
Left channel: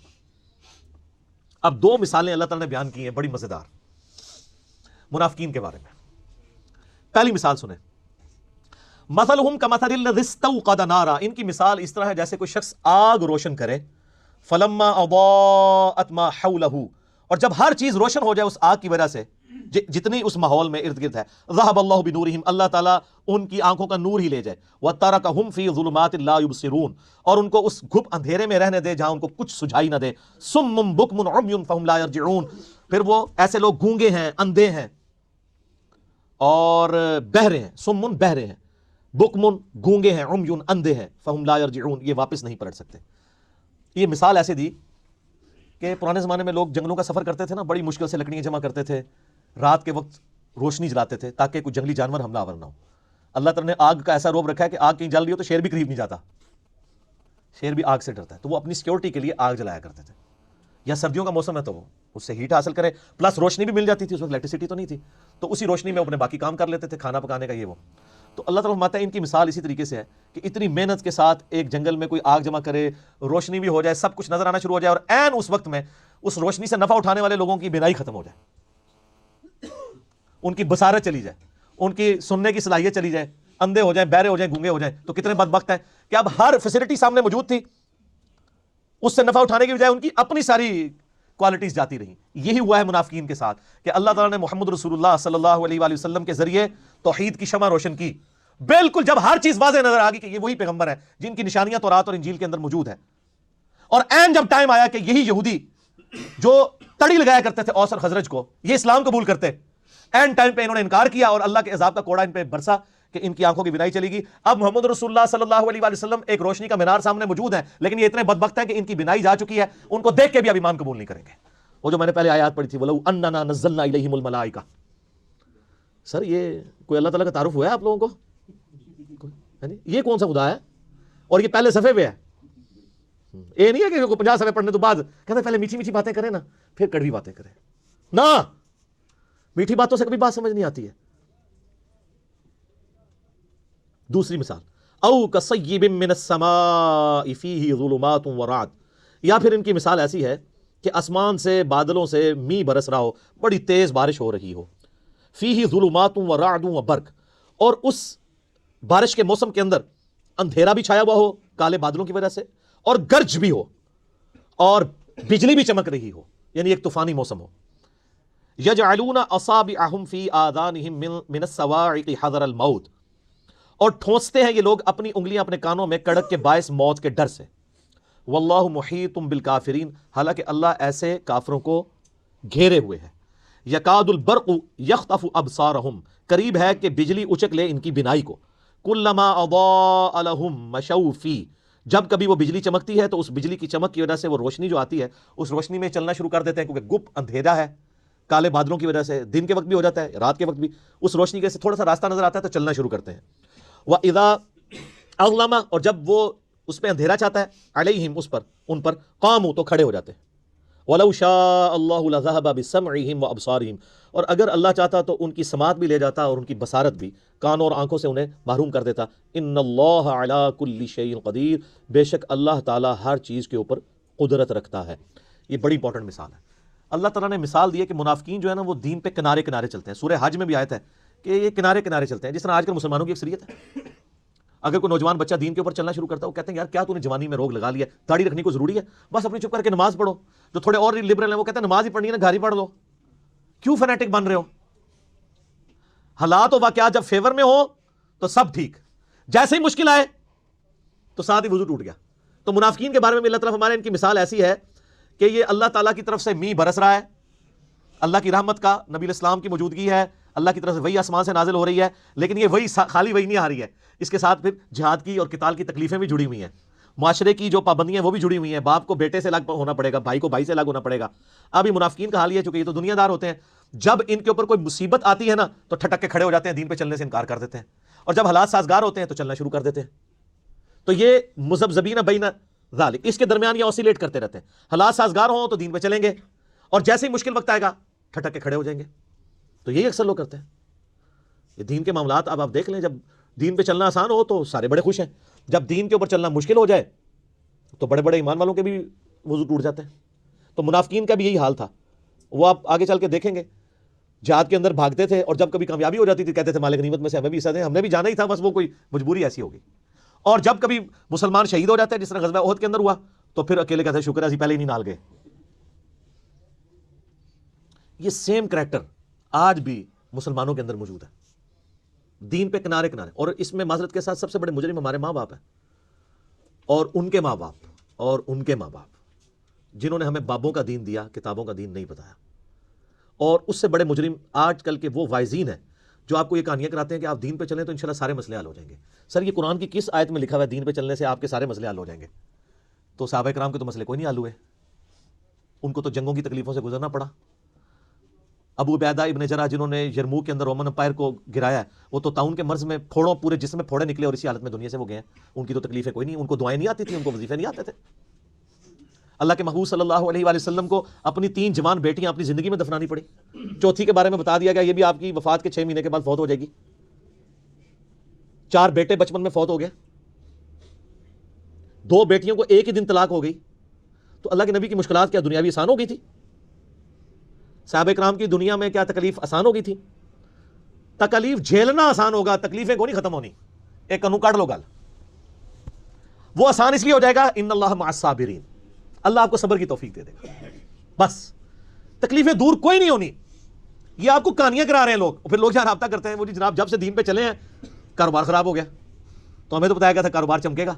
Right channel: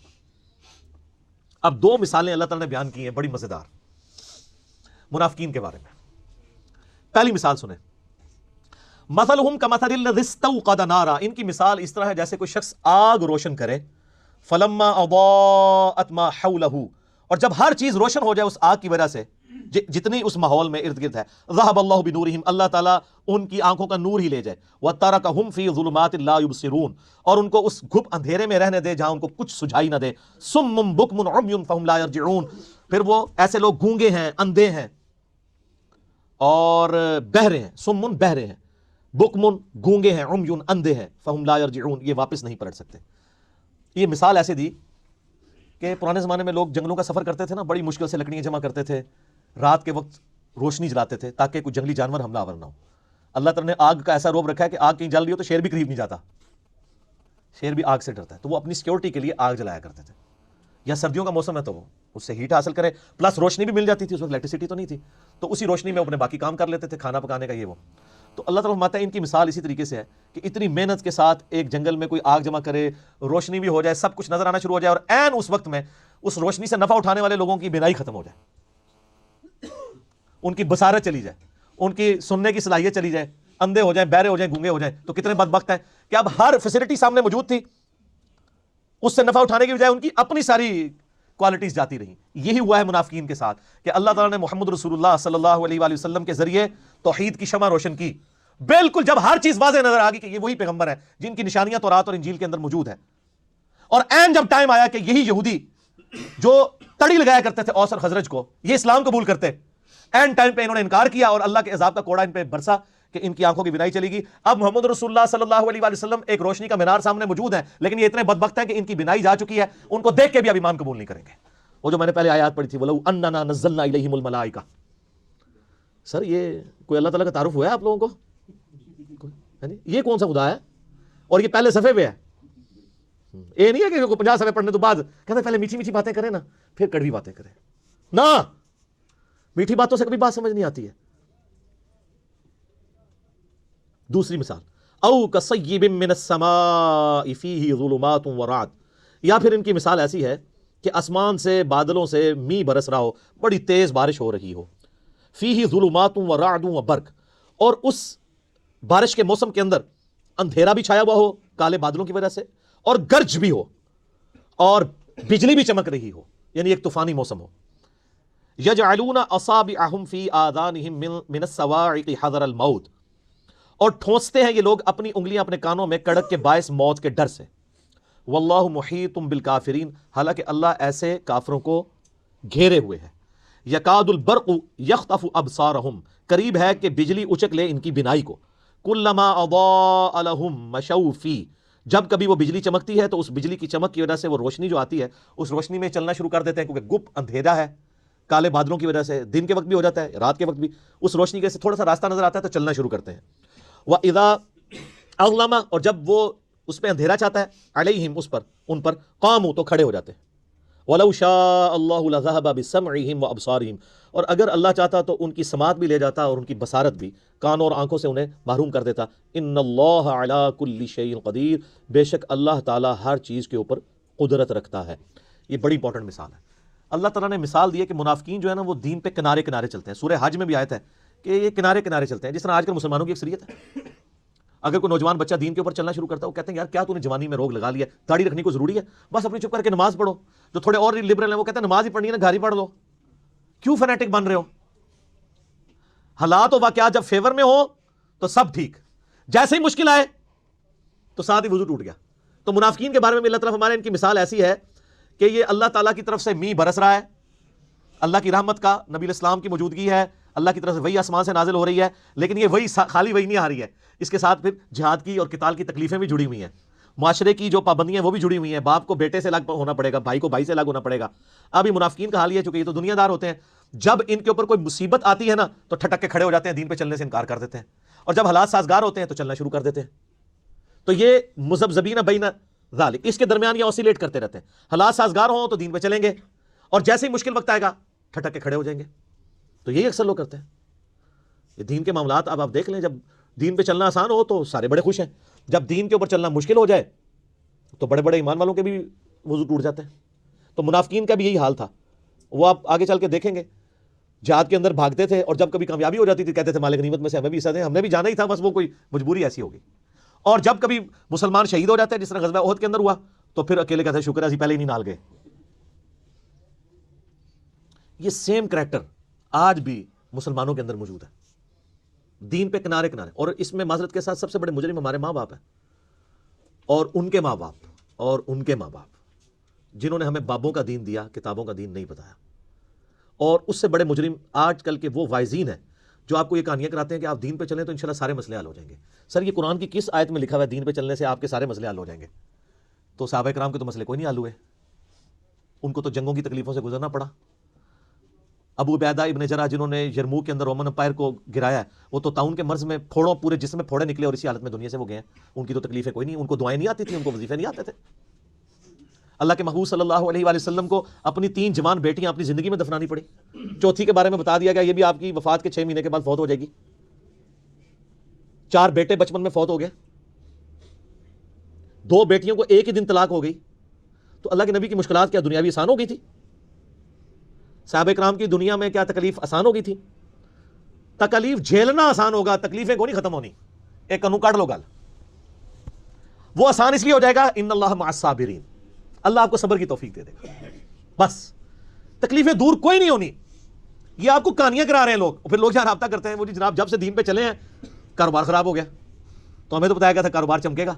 اب دو مثالیں اللہ تعالیٰ نے بیان کی ہیں بڑی مزیدار منافقین کے بارے میں. پہلی مثال سنیں، مثلہم کمثل الذی استوقد نارا، ان کی مثال اس طرح ہے جیسے کوئی شخص آگ روشن کرے، فلما اضاءت ما حولہ، اور جب ہر چیز روشن ہو جائے اس آگ کی وجہ سے جتنی اس ماحول میں ارد گرد ہے، ذهب اللہ بنورہم، اللہ تعالیٰ ان کی آنکھوں کا نور ہی لے جائے، وترکہم فی ظلمات لا یبصرون، اور ان کو اس گھپ اندھیرے میں رہنے دے جہاں ان کو کچھ سجائی نہ دے. صم بکم عمی فہم لا یرجعون، پھر وہ ایسے لوگ گونگے ہیں، اندھے ہیں اور بہرے ہیں. سمن بہرے ہیں، بکمن گونگے ہیں، عمیون اندھے ہیں، فہم لا یرجعون یہ واپس نہیں پلٹ سکتے. یہ مثال ایسے دی کہ پرانے زمانے میں لوگ جنگلوں کا سفر کرتے تھے نا، بڑی مشکل سے لکڑیاں جمع کرتے تھے، رات کے وقت روشنی جلاتے تھے تاکہ کوئی جنگلی جانور حملہ آور نہ ہو. اللہ تعالیٰ نے آگ کا ایسا روب رکھا ہے کہ آگ کہیں جل رہی ہو تو شیر بھی قریب نہیں جاتا، شیر بھی آگ سے ڈرتا ہے. تو وہ اپنی سیکورٹی کے لیے آگ جلایا کرتے تھے. یا سردیوں کا موسم ہے تو وہ اس سے ہیٹ حاصل کرے، پلس روشنی بھی مل جاتی تھی، اس وقت الیکٹریسٹی تو نہیں تھی، تو اسی روشنی میں اپنے باقی کام کر لیتے تھے، کھانا پکانے کا یہ وہ. تو اللہ تعالیٰ فرماتا ہے ان کی مثال اسی طریقے سے ہے کہ اتنی محنت کے ساتھ ایک جنگل میں کوئی آگ جمع کرے، روشنی بھی ہو جائے، سب کچھ نظر آنا شروع ہو جائے، اور عین اس وقت میں اس روشنی سے نفع اٹھانے والے لوگوں کی بینائی ختم ہو جائے، ان کی بصارت چلی جائے، ان کی سننے کی صلاحیت چلی جائے، اندھے ہو جائیں، بہرے ہو جائیں، گونگے ہو جائیں. تو کتنے بدبخت ہیں کہ اب ہر فیسلٹی سامنے موجود تھی، اس سے نفع اٹھانے کی بجائے ان کی اپنی ساری کوالٹیز جاتی رہی. یہی ہوا ہے منافقین کے ساتھ کہ اللہ تعالیٰ نے محمد رسول اللہ صلی اللہ علیہ وآلہ وسلم کے ذریعے توحید کی شمع روشن کی. بالکل جب ہر چیز واضح نظر آ گئی کہ یہ وہی پیغمبر ہے جن کی نشانیاں تورات اور انجیل کے اندر موجود ہیں، اور عین جب ٹائم آیا کہ یہی یہودی جو تڑی لگایا کرتے تھے اوس اور خزرج کو، یہ اسلام قبول کرتے، عین ٹائم پہ انہوں نے انکار کیا اور اللہ کے عذاب کا کوڑا ان پہ برسا کہ ان کی آنکھوں کی بینائی چلی گی. اب محمد رسول اللہ صلی اللہ علیہ وآلہ وسلم ایک روشنی کا مینار سامنے موجود ہے، لیکن یہ اتنے بدبخت ہیں کہ ان کی بینائی جا چکی ہے، ان کو دیکھ کے بھی اب ایمان قبول نہیں کریں گے. وہ جو میں نے پہلے آیات پڑھی تھی وَلَوْ أَنَّنَا نَزَّلْنَا إِلَيْهِمُ الْمَلَائِكَةَ، سر یہ کوئی اللہ تعالیٰ کا تعارف ہوا ہے آپ لوگوں کو؟ یہ کون سا خدا ہے؟ اور یہ پہلے صفحے پہ ہے. یہ نہیں ہے کہ 50 صفحے پڑھنے تو بعد کہتے پہلے میٹھی میٹھی باتیں کریں نا پھر کڑوی باتیں کریں. نہ، میٹھی باتوں سے کبھی بات سمجھ نہیں آتی ہے. دوسری مثال، او کصیب من السماء فیہ ظلمات ورعد، یا پھر ان کی مثال ایسی ہے کہ آسمان سے بادلوں سے می برس رہا ہو، بڑی تیز بارش ہو رہی ہو، فیہ ظلمات و رعد و برق، اور اس بارش کے موسم کے اندر اندھیرا بھی چھایا ہوا ہو کالے بادلوں کی وجہ سے، اور گرج بھی ہو، اور بجلی بھی چمک رہی ہو، یعنی ایک طوفانی موسم ہو۔ یجعلون اصابعهم فی آذانہم من الصواعق حذر الموت، اور ٹھونستے ہیں یہ لوگ اپنی انگلیاں اپنے کانوں میں کڑک کے باعث موت کے ڈر سے۔ واللہ محیط بالکافرین، حالانکہ اللہ ایسے کافروں کو گھیرے ہوئے ہے۔ یکاد البرق یخطف ابصارہم، قریب ہے کہ بجلی اچک لے ان کی بینائی کو۔ کلما اضاء لہم مشوا فیہ، جب کبھی وہ بجلی چمکتی ہے تو اس بجلی کی چمک کی وجہ سے وہ روشنی جو آتی ہے اس روشنی میں چلنا شروع کر دیتے ہیں، کیونکہ گپ اندھیرا ہے کالے بادلوں کی وجہ سے، دن کے وقت بھی ہو جاتا ہے رات کے وقت بھی، اس روشنی کے سے تھوڑا سا راستہ نظر آتا ہے تو چلنا شروع کرتے ہیں۔ وَإِذَا أَظْلَمَ، اور جب وہ اس پہ اندھیرا چاہتا ہے، علیہم، اس پر، ان پر، قاموا، تو کھڑے ہو جاتے ہیں۔ وَلَوْ شَاءَ اللَّهُ لَذَهَبَ بِسَمْعِهِمْ وَأَبْصَارِهِمْ، اور اگر اللہ چاہتا تو ان کی سماعت بھی لے جاتا اور ان کی بصارت بھی، کانوں اور آنکھوں سے انہیں محروم کر دیتا۔ ان اللہ علی کل شیء قدیر، بے شک اللہ تعالیٰ ہر چیز کے اوپر قدرت رکھتا ہے۔ یہ بڑی امپورٹنٹ مثال ہے۔ اللہ تعالیٰ نے مثال دی ہے کہ منافقین جو ہے نا وہ دین پہ کنارے کنارے چلتے ہیں۔ سورہ حج میں بھی آیت ہے کہ یہ کنارے کنارے چلتے ہیں، جس طرح آج کل مسلمانوں کی اکثریت ہے۔ اگر کوئی نوجوان بچہ دین کے اوپر چلنا شروع کرتا ہے، وہ کہتے ہیں یار کیا تو نے جوانی میں روگ لگا لیا، داڑھی رکھنی کو ضروری ہے، بس اپنی چپ کر کے نماز پڑھو۔ جو تھوڑے اور لبرل ہیں وہ کہتے ہیں نماز ہی پڑھنی ہے نا، گھر ہی پڑھ لو، کیوں فنیٹک بن رہے ہو؟ حالات و واقعات جب فیور میں ہو تو سب ٹھیک، جیسے ہی مشکل آئے تو ساتھ ہی وضو ٹوٹ گیا۔ تو منافقین کے بارے میں اللہ تعالیٰ ہمارے ان کی مثال ایسی ہے کہ یہ اللہ تعالیٰ کی طرف سے می برس رہا ہے، اللہ کی رحمت کا، نبی علیہ السلام کی موجودگی ہے، اللہ کی طرف سے وہی آسمان سے نازل ہو رہی ہے، لیکن یہ وہی خالی وہی نہیں آ رہی ہے، اس کے ساتھ پھر جہاد کی اور قتال کی تکلیفیں بھی جڑی ہوئی ہیں، معاشرے کی جو پابندیاں وہ بھی جڑی ہوئی ہیں، باپ کو بیٹے سے الگ ہونا پڑے گا، بھائی کو بھائی سے الگ ہونا پڑے گا۔ ابھی منافقین کا حال یہ، چونکہ یہ تو دنیا دار ہوتے ہیں، جب ان کے اوپر کوئی مصیبت آتی ہے نا تو ٹھٹک کے کھڑے ہو جاتے ہیں، دین پہ چلنے سے انکار کر دیتے ہیں، اور جب حالات سازگار ہوتے ہیں تو چلنا شروع کر دیتے ہیں۔ تو یہ مذبذبین بین ذالک، اس کے درمیان یہ اوسیلیٹ کرتے رہتے ہیں، حالات سازگار ہوں تو دین پہ چلیں گے، اور جیسے ہی مشکل وقت آئے گا ٹھٹک کے کھڑے ہو جائیں گے۔ تو یہی اکثر لوگ کرتے ہیں یہ دین کے معاملات۔ اب آپ دیکھ لیں، جب دین پہ چلنا آسان ہو تو سارے بڑے خوش ہیں، جب دین کے اوپر چلنا مشکل ہو جائے تو بڑے بڑے ایمان والوں کے بھی وضو ٹوٹ جاتے ہیں۔ تو منافقین کا بھی یہی حال تھا، وہ آپ آگے چل کے دیکھیں گے، جہاد کے اندر بھاگتے تھے، اور جب کبھی کامیابی ہو جاتی تھی کہتے تھے مال غنیمت میں سے ہمیں بھی حصہ دیں، ہم نے بھی جانا ہی تھا، بس وہ کوئی مجبوری ایسی ہوگی۔ اور جب کبھی مسلمان شہید ہو جاتے ہیں، جس طرح غزوہ احد کے اندر ہوا، تو پھر اکیلے کہتے ہیں شکر ہے اسی پہلے ہی نہیں نال گئے۔ یہ سیم کریکٹر آج بھی مسلمانوں کے اندر موجود ہے، دین پہ کنارے کنارے۔ اور اس میں معذرت کے ساتھ سب سے بڑے مجرم ہمارے ماں باپ ہیں، اور ان کے ماں باپ، اور ان کے ماں باپ، جنہوں نے ہمیں بابوں کا دین دیا، کتابوں کا دین نہیں بتایا۔ اور اس سے بڑے مجرم آج کل کے وہ وائزین ہیں جو آپ کو یہ کہانیاں کراتے ہیں کہ آپ دین پہ چلیں تو انشاءاللہ سارے مسئلے حل ہو جائیں گے۔ سر یہ قرآن کی کس آیت میں لکھا ہوا ہے دین پہ چلنے سے آپ کے سارے مسئلے حل ہو جائیں گے؟ تو صحابہ کرام کے تو مسئلے کوئی نہیں حل ہوئے، ان کو تو جنگوں کی تکلیفوں سے گزرنا پڑا۔ ابو عبیدہ ابن جرح جنہوں نے یرموک کے اندر رومن امپائر کو گرایا، وہ تو تعاون کے مرض میں پھوڑوں پورے جسم میں پھوڑے نکلے اور اسی حالت میں دنیا سے وہ گیا۔ ان کی تو تکلیفیں کوئی نہیں، ان کو دعائیں نہیں آتی تھیں، ان کو وظیفے نہیں آتے تھے۔ اللہ کے محبوب صلی اللہ علیہ وآلہ وسلم کو اپنی 3 جوان بیٹیاں اپنی زندگی میں دفنانی پڑی، چوتھی کے بارے میں بتا دیا گیا یہ بھی آپ کی وفات کے 6 مہینے کے بعد فوت ہو جائے گی۔ 4 بیٹے بچپن میں فوت ہو گئے، 2 بیٹیوں کو ایک ہی دن طلاق ہو گئی۔ تو اللہ کے نبی کی مشکلات کیا دنیاوی آسان ہو گئی تھی؟ صحابہ کرام کی دنیا میں کیا تکلیف آسان ہو گئی تھی؟ تکلیف جھیلنا آسان ہوگا، تکلیفیں کوئی نہیں ختم ہونی۔ ایک کنو کاٹ لو گل، وہ آسان اس لیے ہو جائے گا ان اللہ مع الصابرین، اللہ آپ کو صبر کی توفیق دے دے گا، بس تکلیفیں دور کوئی نہیں ہونی۔ یہ آپ کو کہانیاں کرا رہے ہیں لوگ، پھر لوگ رابطہ کرتے ہیں وہ جی جناب جب سے دین پہ چلے ہیں کاروبار خراب ہو گیا، تو ہمیں تو بتایا گیا تھا کاروبار چمکے گا،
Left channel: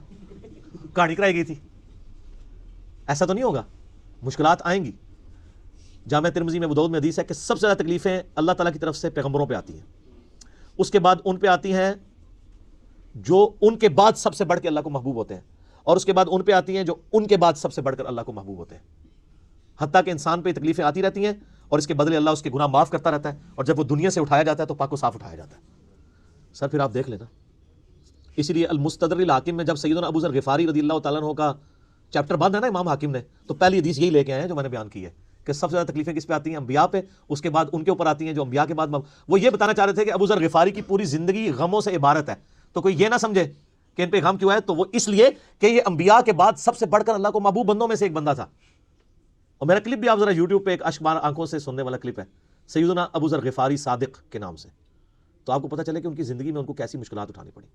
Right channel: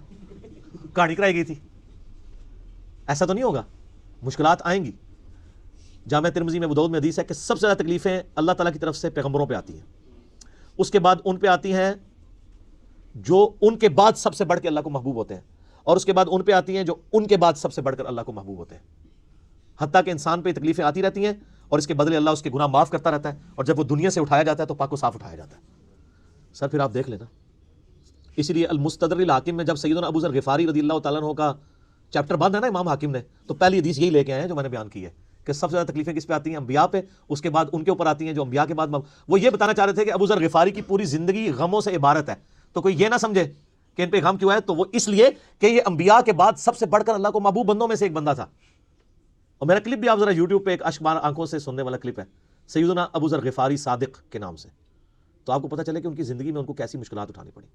کہانی کرائی گئی تھی۔ ایسا تو نہیں ہوگا، مشکلات آئیں گی۔ جامع ترمذی میں ابو داؤد میں حدیث ہے کہ سب سے زیادہ تکلیفیں اللہ تعالیٰ کی طرف سے پیغمبروں پہ آتی ہیں، اس کے بعد ان پہ آتی ہیں جو ان کے بعد سب سے بڑھ کے اللہ کو محبوب ہوتے ہیں، اور اس کے بعد ان پہ آتی ہیں جو ان کے بعد سب سے بڑھ کر اللہ کو محبوب ہوتے ہیں۔ حتیٰ کہ انسان پہ تکلیفیں آتی رہتی ہیں اور اس کے بدلے اللہ اس کے گناہ معاف کرتا رہتا ہے، اور جب وہ دنیا سے اٹھایا جاتا ہے تو پاک و صاف اٹھایا جاتا ہے۔ سر پھر آپ دیکھ لینا، اسی لیے المستدرک الحاکم میں جب سیدنا ابو ذر غفاری رضی اللہ تعالیٰ عنہ کا چیپٹر بعد ہے نا امام حاکم نے، تو پہلی حدیث یہی لے کے آئے ہیں جو میں نے بیان کی ہے کہ سب سے زیادہ تکلیفیں کس پہ آتی ہیں؟ انبیاء پہ، اس کے بعد ان کے اوپر آتی ہیں جو انبیاء کے بعد وہ یہ بتانا چاہ رہے تھے کہ ابو ذر غفاری کی پوری زندگی غموں سے عبارت ہے، تو کوئی یہ نہ سمجھے کہ ان پہ غم کیوں ہے، تو وہ اس لیے کہ یہ انبیاء کے بعد سب سے بڑھ کر اللہ کو محبوب بندوں میں سے ایک بندہ تھا، اور میرا کلپ بھی آپ ذرا یوٹیوب پہ ایک اشکبار آنکھوں سے سننے والا کلپ ہے سیدنا ابو ذر غفاری صادق کے نام سے، تو آپ کو پتہ چلے کہ ان کی زندگی میں ان کو کیسی مشکلات اٹھانی پڑی.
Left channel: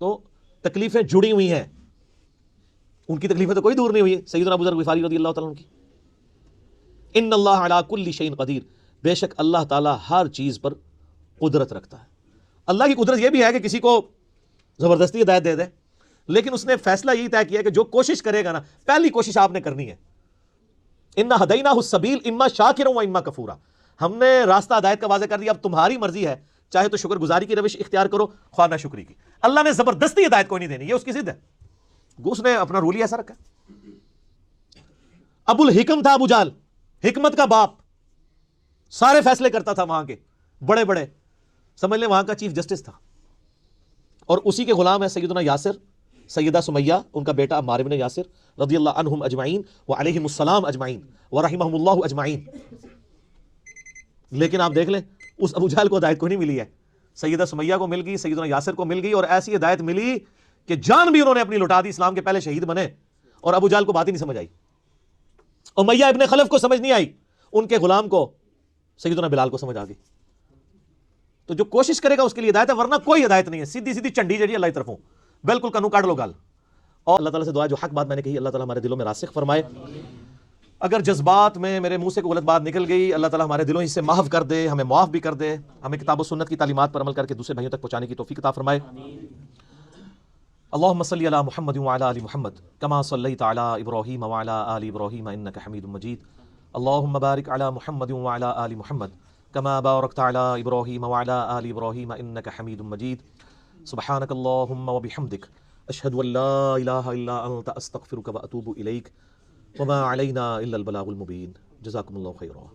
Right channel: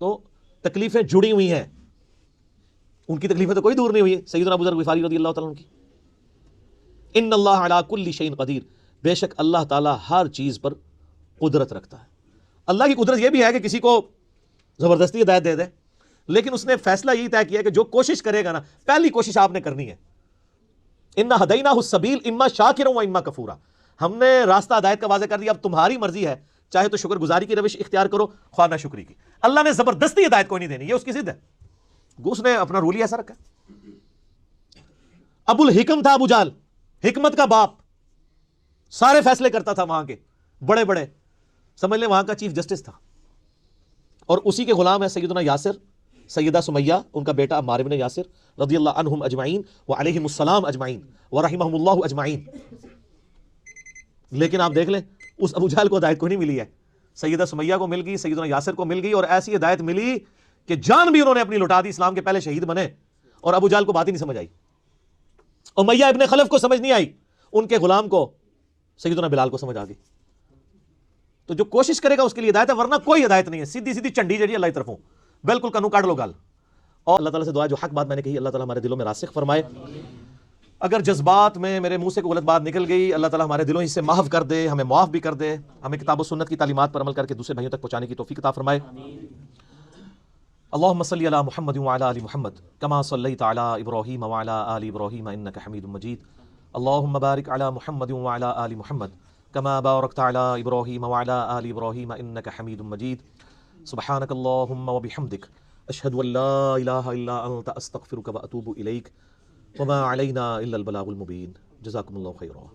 تو تکلیفیں جڑی ہوئی ہیں، ان کی تکلیفیں تو کوئی دور نہیں ہوئی ہے. سیدنا ابو ذر غفاری رضی اللہ تعالیٰ عنہ کی، ان اللہ علی کل شیء قدیر، بے شک اللہ تعالیٰ ہر چیز پر قدرت رکھتا ہے. اللہ کی قدرت یہ بھی ہے کہ کسی کو زبردستی ہدایت دے دے، لیکن اس نے فیصلہ یہی طے کیا کہ جو کوشش کرے گا نا، پہلی کوشش آپ نے کرنی ہے. انا ہدیناہ السبیل اما شاکرا و اما کفورا، ہم نے راستہ ہدایت کا واضح کر دیا، اب تمہاری مرضی ہے، چاہے تو شکر گزاری کی روش اختیار کرو، خواہ نہ شکری کی. اللہ نے زبردستی ہدایت کوئی نہیں دینی، یہ اس کی ضد ہے، اس نے اپنا رول ہی ایسا رکھا. ابو الحکم تھا ابو جہل، حکمت کا باپ، سارے فیصلے کرتا تھا وہاں کے بڑے بڑے، سمجھ لیں وہاں کا چیف جسٹس تھا. اور اسی کے غلام ہے سیدنا یاسر، سیدہ سمیہ ان کا بیٹا عمار بن یاسر رضی اللہ عنہم اجمعین وعلیہم السلام اجمعین ورحمہم اللہ اجمعین. لیکن آپ دیکھ لیں اس ابو جہل کو ہدایت کو نہیں ملی ہے، سیدہ سمیہ کو مل گئی، سیدنا یاسر کو مل گئی، اور ایسی ہدایت ملی کہ جان بھی انہوں نے اپنی لٹا دی، اسلام کے پہلے شہید بنے، اور ابو جہل کو بات ہی نہیں سمجھ آئی. امیہ ابن خلف کو سمجھ نہیں آئی، ان کے غلام کو سیدنا بلال کو سمجھ آ گئی. تو جو کوشش کرے گا اس کے لیے ہدایت ہے، ورنہ کوئی ہدایت نہیں ہے، سیدھی سیدھی چنڈی جڑی اللہ کی طرفوں، بالکل کنو کاٹ لو گل. اللہ تعالیٰ سے دعا ہے جو حق بات میں نے کہی اللہ تعالیٰ ہمارے دلوں میں راسخ فرمائے. اگر جذبات میں میرے منہ سے کوئی غلط بات نکل گئی، اللہ تعالیٰ ہمارے دلوں سے محو کر دے، ہمیں معاف بھی کر دے، ہمیں کتاب و سنت کی تعلیمات پر عمل کر کے دوسرے بھائیوں تک پہنچانے کی توفیق عطا فرمائے. اللهم صل على محمد وعلى ال محمد كما صليت على ابراهيم وعلى ال ابراهيم انك حميد مجيد. اللهم بارك على محمد وعلى ال محمد كما باركت على ابراهيم وعلى ال ابراهيم انك حميد مجيد. سبحانك اللهم وبحمدك اشهد ان لا اله الا انت استغفرك واتوب اليك وما علينا الا البلاغ المبين. جزاكم الله خيرا.